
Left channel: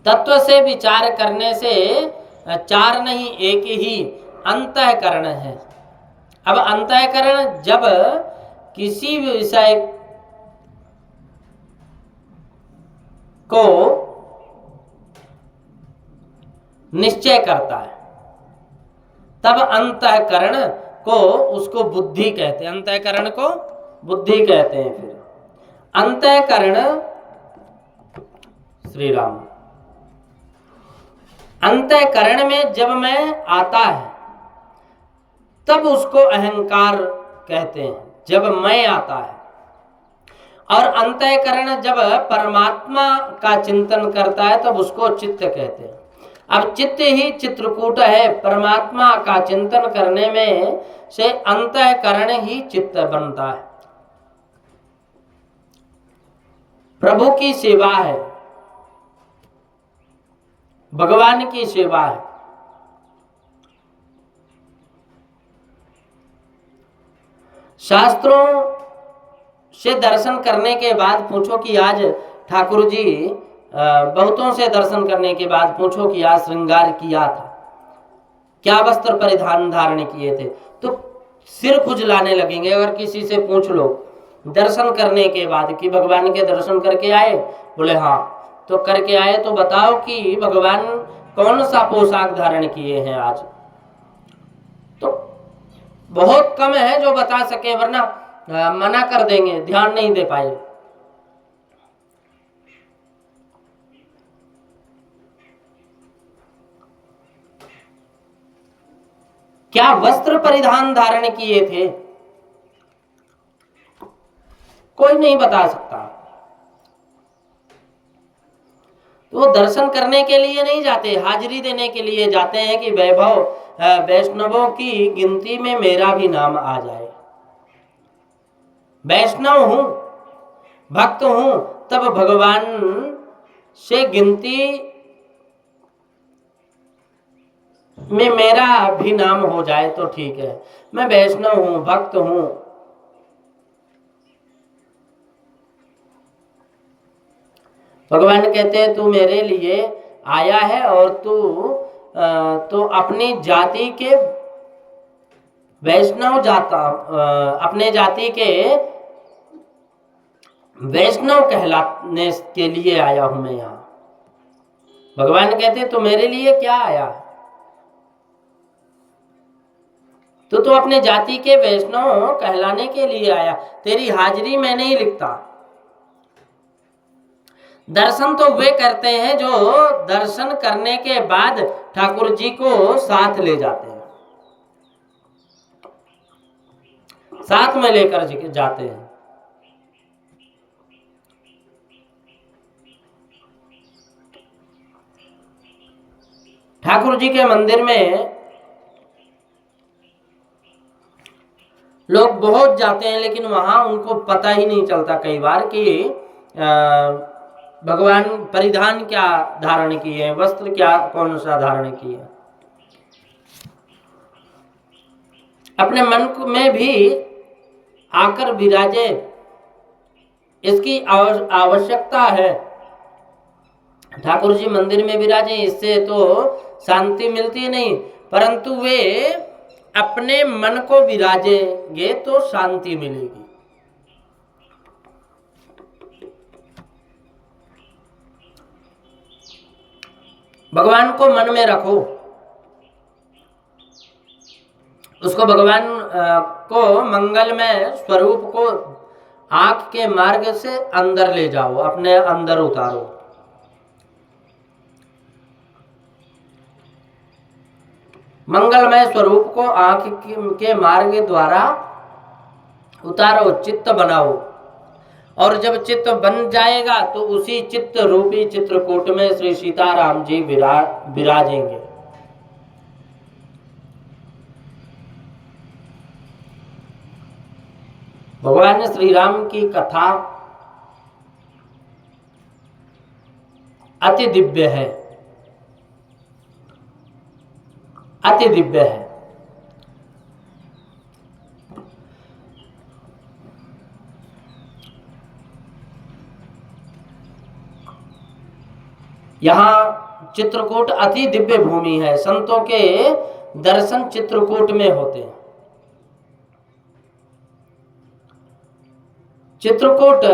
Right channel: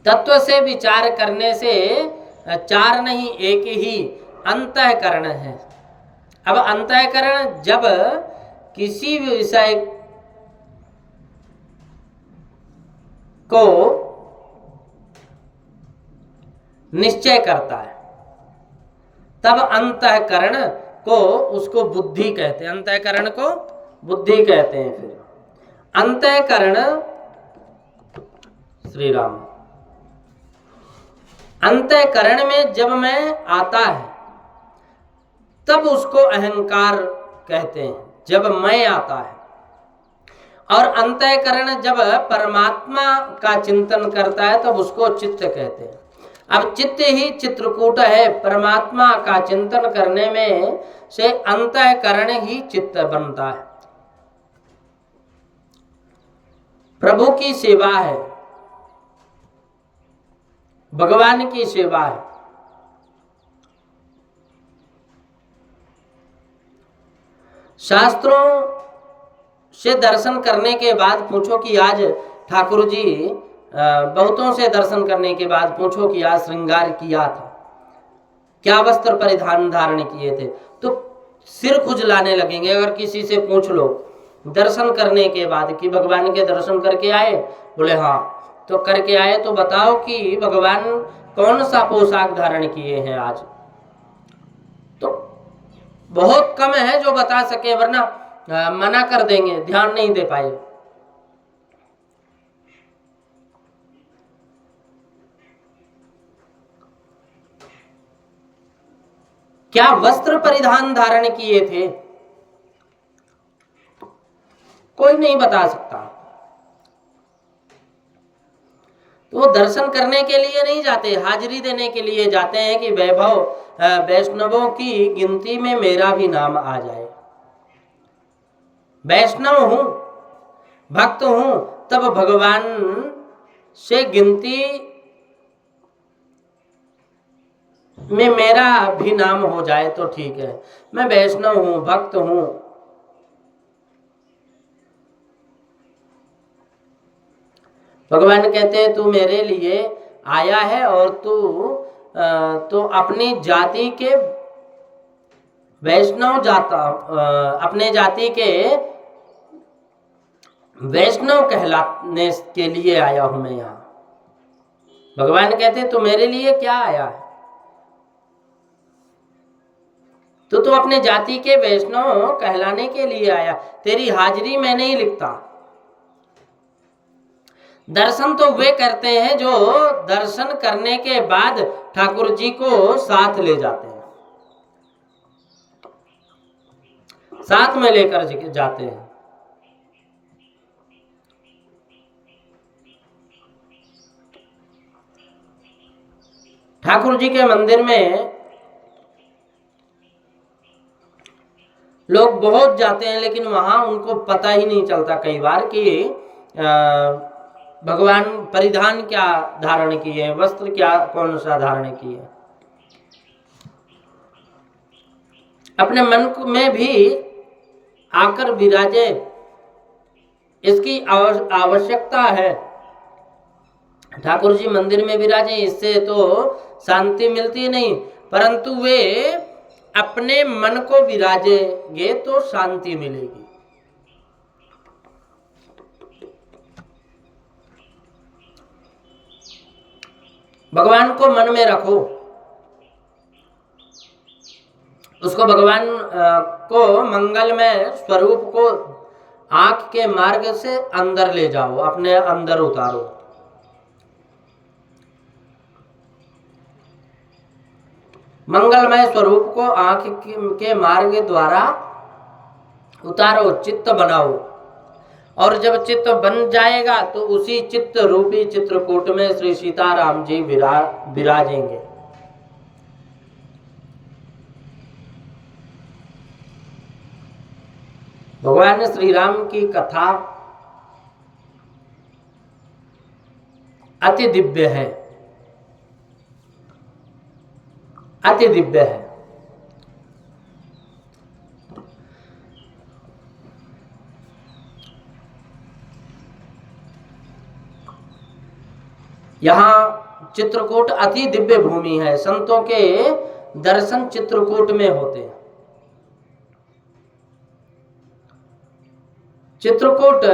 तत्व से विचार करने से 4 नहीं, एक ही अंतःकरण है। अब अंतःकरण जब किसी विषय को निश्चय करता है तब अंतःकरण को उसको बुद्धि कहते हैं, अंतःकरण को बुद्धि कहते हैं। फिर अंतःकरण, श्री राम, अंतःकरण में जब मैं आता है तब उसको अहंकार कहते हैं, जब मैं आता है। और अंतःकरण जब परमात्मा का चिंतन करता है तब उसको चित्त कहते हैं। अब चित्त ही चित्रकूट है, परमात्मा का चिंतन करने में से अंतःकरण ही चित्त बनता है। प्रभु की सेवा है, भगवान की सेवा है। शास्त्रों से दर्शन करने के बाद पूछो कि आज ठाकुर जी, बहुतों से दर्शन करने के बाद पूछो कि आज श्रृंगार किया था, क्या वस्त्र परिधान धारण किए थे, तो सिर खुजलाने लगेंगे। अगर किसी से पूछ लो दर्शन करने के बाद कि भगवान के दर्शन करके आए, बोले हाँ, तो करके आए तो बताओ कि भगवान कौन सा पोशाक धारण किए हैं आज। तो बहुत कम है जो बता सके, वरना मना कर देंगे, ध्यान नहीं दे पाए। क्या वस्त्र परिधान धारण किए थे, कोई नहीं बता सकता। तो वो दर्शन करने के लिए नहीं जाते, हाजिरी देने के लिए जाते हैं कि वैभव वैष्णवों की गिनती में मेरा भी नाम आ जाए। वैष्णव हूं, भक्त हूं, तब भगवान से गिनती में मेरा भी नाम हो जाए तो ठीक है। मैं वैष्णव हूं, भक्त हूं। भगवान कहते हैं तू मेरे लिए आया है और तू तो अपनी जाति के वैष्णव जाता अपने जाति के वैष्णव कहलाने के लिए आया हूं मैं यहाँ। भगवान कहते हैं तू मेरे लिए क्या आया है? तो अपने जाति के वैष्णव कहलाने के लिए आया। तेरी हाजिरी मैं नहीं लिखता। दर्शन तो वे करते हैं जो दर्शन करने के बाद ठाकुर जी को साथ ले जाते हैं, साथ में लेकर जाते हैं। ठाकुर जी के मंदिर में लोग बहुत जाते हैं, लेकिन वहां उनको पता ही नहीं चलता कई बार कि भगवान परिधान क्या धारण किए, वस्त्र क्या कौन सा धारण किए। अपने मन में भी आकर विराजे, इसकी आवश्यकता है। ठाकुर जी मंदिर में विराजे, इससे तो शांति मिलती नहीं, परंतु वे अपने मन को विराजेंगे तो शांति मिलेगी। भगवान को मन में रखो, उसको भगवान को मंगलमय स्वरूप को आंख के मार्ग से अंदर ले जाओ, अपने अंदर उतारो। मंगलमय स्वरूप को आंख के मार्ग द्वारा उतारो, चित्त बनाओ। और जब चित्त बन जाएगा तो उसी चित्त रूपी चित्रकूट में श्री सीताराम जी विराजेंगे। भगवान श्री राम की कथा अति दिव्य है, अति दिव्य है। यहाँ चित्रकूट अति दिव्य भूमि है। संतों के दर्शन चित्रकूट में होते हैं। चित्रकूट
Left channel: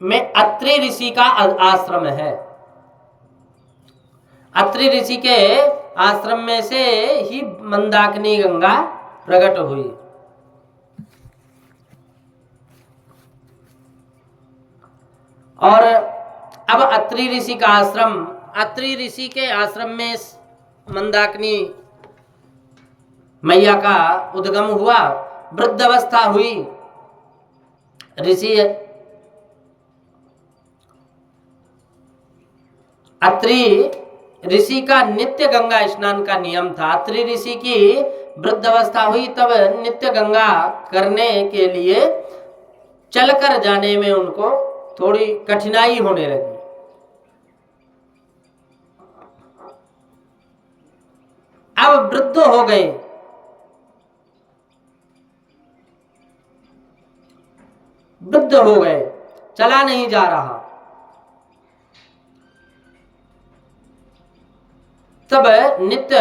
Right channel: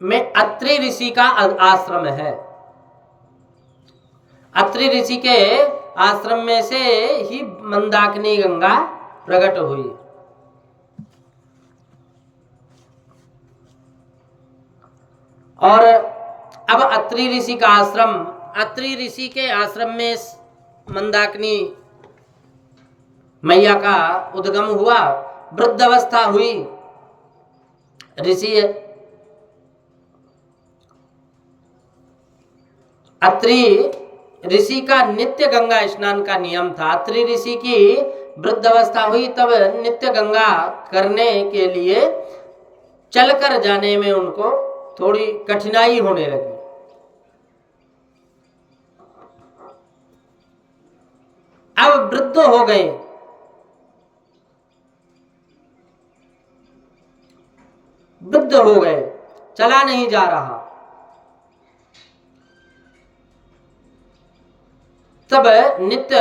में अत्रि ऋषि का आश्रम है। अत्रि ऋषि के आश्रम में से ही मंदाकिनी गंगा प्रकट हुई। और अब अत्रि ऋषि का आश्रम, अत्रि ऋषि के आश्रम में मंदाकिनी मैया का उद्गम हुआ, वृद्धावस्था हुई। ऋषि अत्रि ऋषि का नित्य गंगा स्नान का नियम था। अत्रि ऋषि की वृद्धावस्था हुई, तब नित्य गंगा करने के लिए चलकर जाने में उनको थोड़ी कठिनाई होने लगी। अब वृद्ध हो गए, वृद्ध हो गए, चला नहीं जा रहा। तब नित्य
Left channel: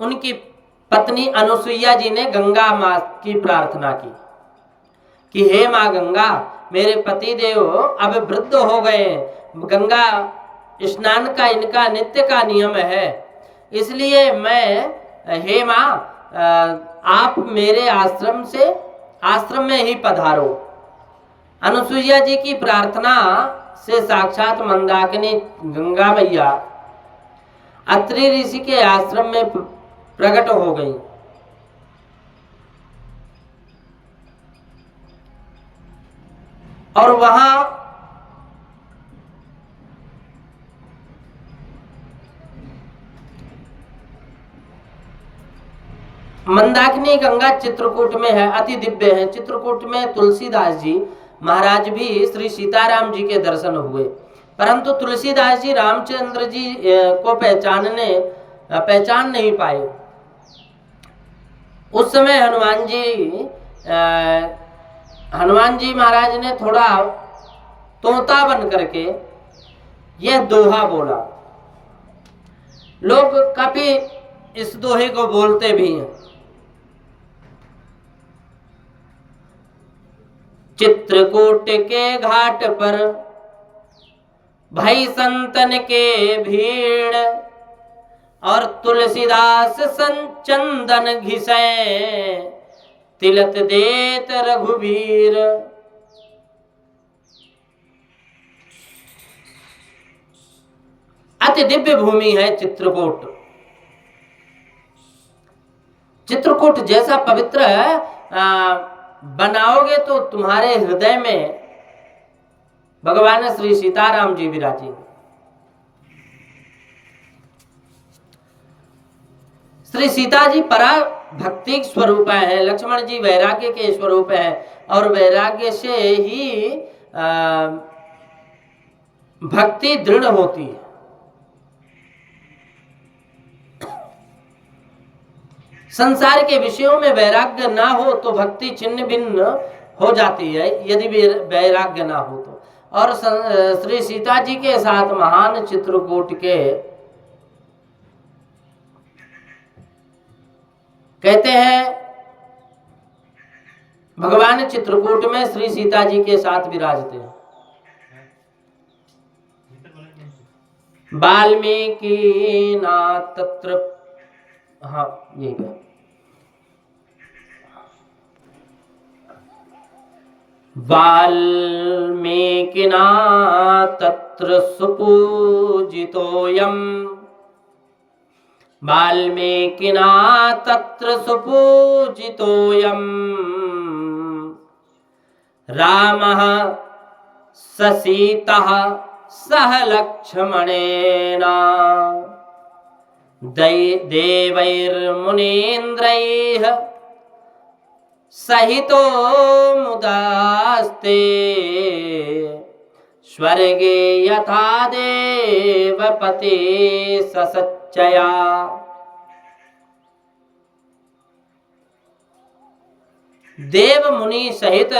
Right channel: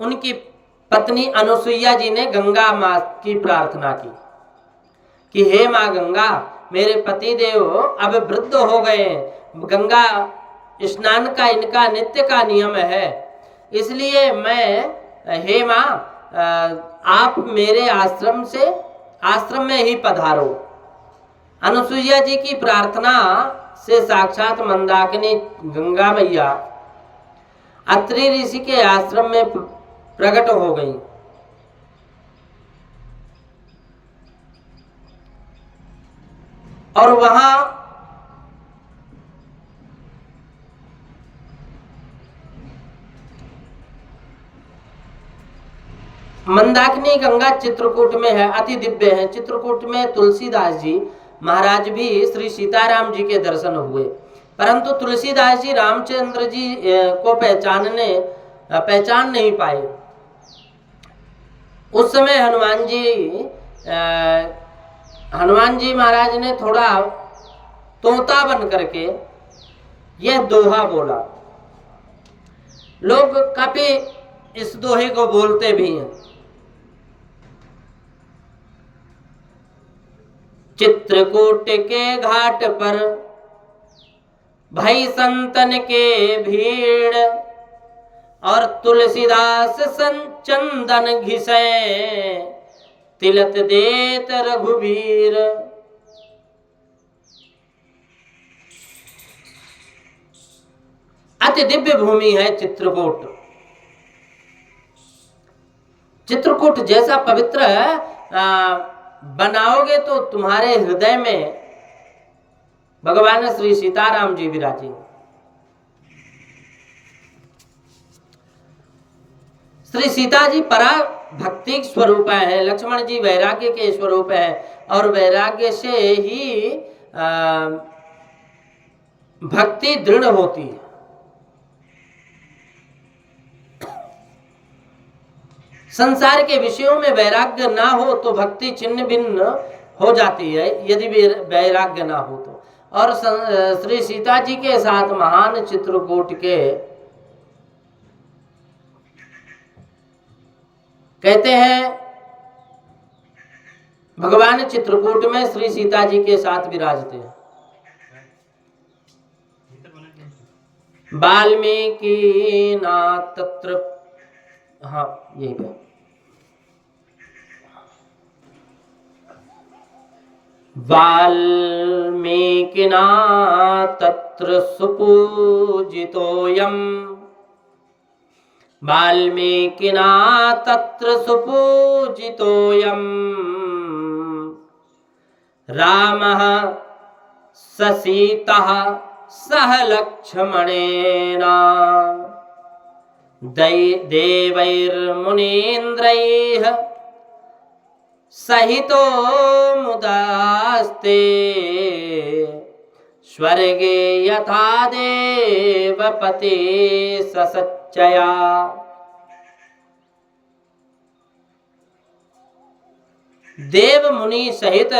उनकी पत्नी अनुसुईया जी ने गंगा माँ की प्रार्थना की कि हे माँ गंगा, मेरे पति देव अब वृद्ध हो गए, गंगा स्नान का इनका नित्य का नियम है, इसलिए मैं, हे माँ, आप मेरे आश्रम में ही पधारो। अनुसुईया जी की प्रार्थना से साक्षात मंदाकिनी गंगा मैया अत्रि ऋषि के आश्रम में प्रकट हो गई। और वहां मंदाकिनी गंगा चित्रकूट में है, अति दिव्य है। चित्रकूट में तुलसीदास जी महाराज भी श्री सीताराम जी के दर्शन हुए, परंतु तुलसीदास जी रामचंद्र जी को पहचान नहीं पाए। उस समय हनुमान जी महाराज ने थोड़ा तोता बन करके यह दोहा बोला। लोग काफी इस दोहे को बोलते भी हैं। चित्रकूट के घाट पर भई संतन के भीड़, और तुलसीदास संचंदन घिसे तिलक देत रघुवीर। अति दिव्य भूमि है चित्रकूट। चित्रकूट जैसा पवित्र बनाओगे तो तुम्हारे हृदय में भगवान श्री सीताराम जी विराजेंगे। श्री सीता जी परा भक्ति स्वरूप है, लक्ष्मण जी वैराग्य के स्वरूप है, और वैराग्य से ही भक्ति दृढ़ होती है। संसार के विषयों में वैराग्य ना हो तो भक्ति छिन्न भिन्न हो जाती है, यदि वैराग्य ना हो तो। और श्री सीता जी के साथ महान चित्रकूट के कहते हैं, भगवान चित्रकूट में श्री सीता जी के साथ विराजते हैं। वाल्मीकि ना तत्र, हाँ यही है। वाल्मीकिना तत्र सुपूजितोऽयम्, वाल्मीकिना तत्र सुपूजितोऽयम्, रामः स सीतः सह लक्ष्मणेन, देवैर्मुनीन्द्रैः सहितो मुदास्ते, स्वर्गे यथा देवपति ससच्चया। देव मुनि सहित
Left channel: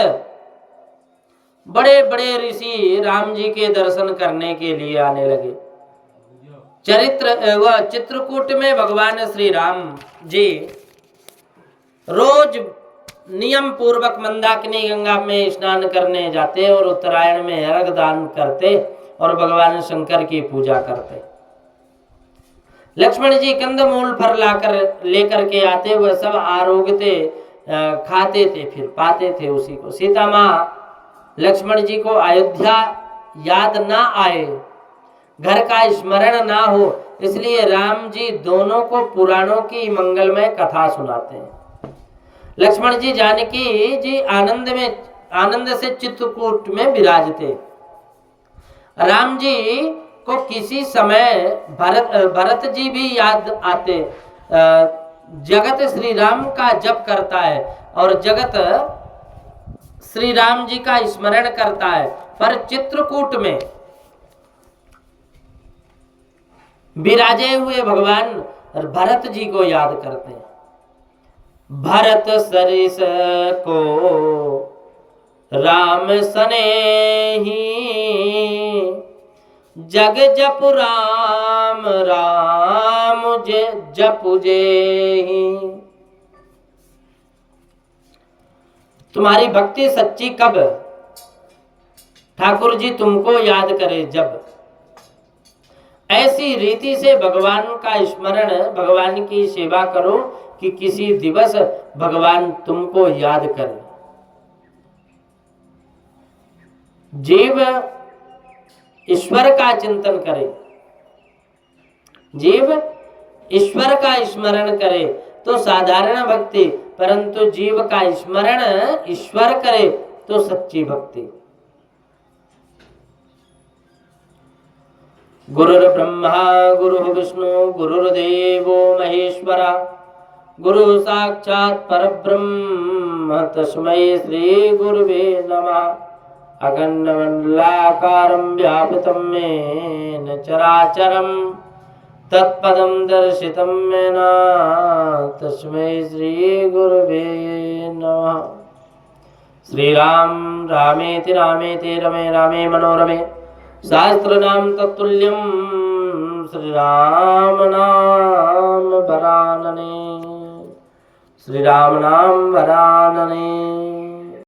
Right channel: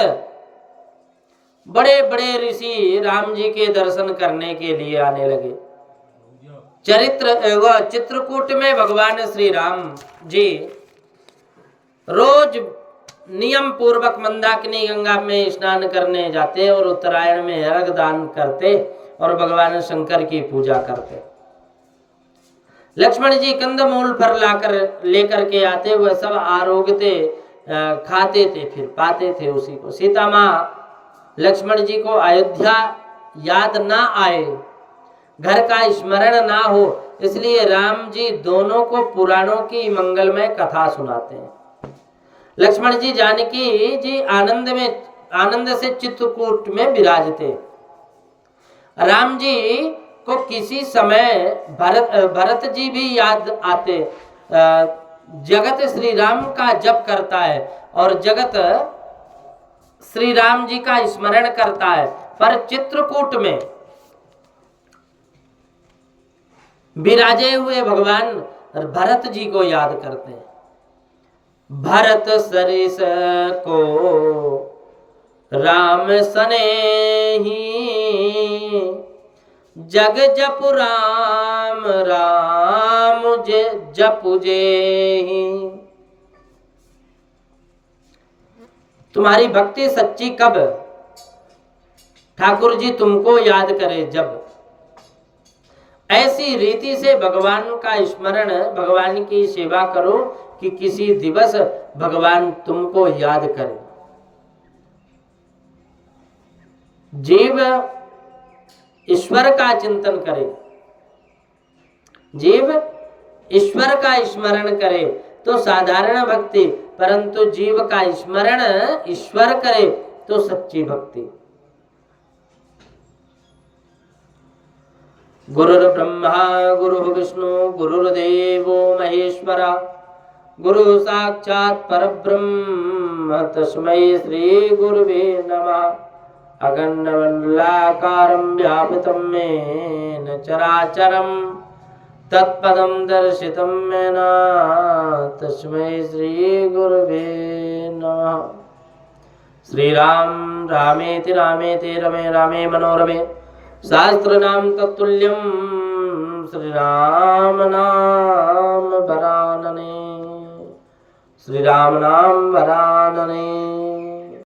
बड़े बड़े ऋषि राम जी के दर्शन करने के लिए आने लगे। चित्रकूट में भगवान श्री राम जी रोज नियम पूर्वक मंदाकिनी गंगा में स्नान करने जाते और उत्तरायण में अर्घ दान करते और भगवान शंकर की पूजा करते। लक्ष्मण जी कंदमूल फल लेकर के आते, वह सब आरोग्यते खाते थे, फिर पाते थे उसी को। सीता माँ लक्ष्मण जी को अयोध्या याद ना आए, घर का स्मरण ना हो, इसलिए राम जी दोनों को पुराणों की मंगलमय कथा सुनाते हैं। लक्ष्मण जी जानकी जी आनंद से चित्रकूट में विराजते। राम जी को किसी समय भरत जी भी याद आते। जगत श्री राम का जप करता है और जगत श्री राम जी का स्मरण करता है, पर चित्रकूट में विराजे हुए भगवान भरत जी को याद करते हैं। भरत सरिस को राम सनेही, जग जपु राम राम जपु जेहि। तुम्हारी भक्ति सच्ची कब? ठाकुर जी तुमको याद करे जब। ऐसी रीति से भगवान का स्मरण, भगवान की सेवा करो कि किसी दिवस भगवान तुमको याद करे। जीव ईश्वर का चिंतन करे, जीव ईश्वर का स्मरण करे तो साधारण भक्ति, परंतु जीव का स्मरण ईश्वर करे तो सच्ची भक्ति। गुरुर्ब्रह्मा गुरुर्विष्णु गुरुर्देवो महेश्वरा, गुरु साक्षात् परब्रह्म तस्मै श्री गुरुवे नमः। अखण्डमण्डलाकारं व्यापितं येन चराचरं तत्पदं दर्शितं येन तस्मै श्री गुरुवे नमः। श्रीराम रामेति रामेति रमे रामे मनोरमे सहस्रनाम तत्तुल्यं श्रीराम नाम वरानने। श्रीराम नाम वरानने।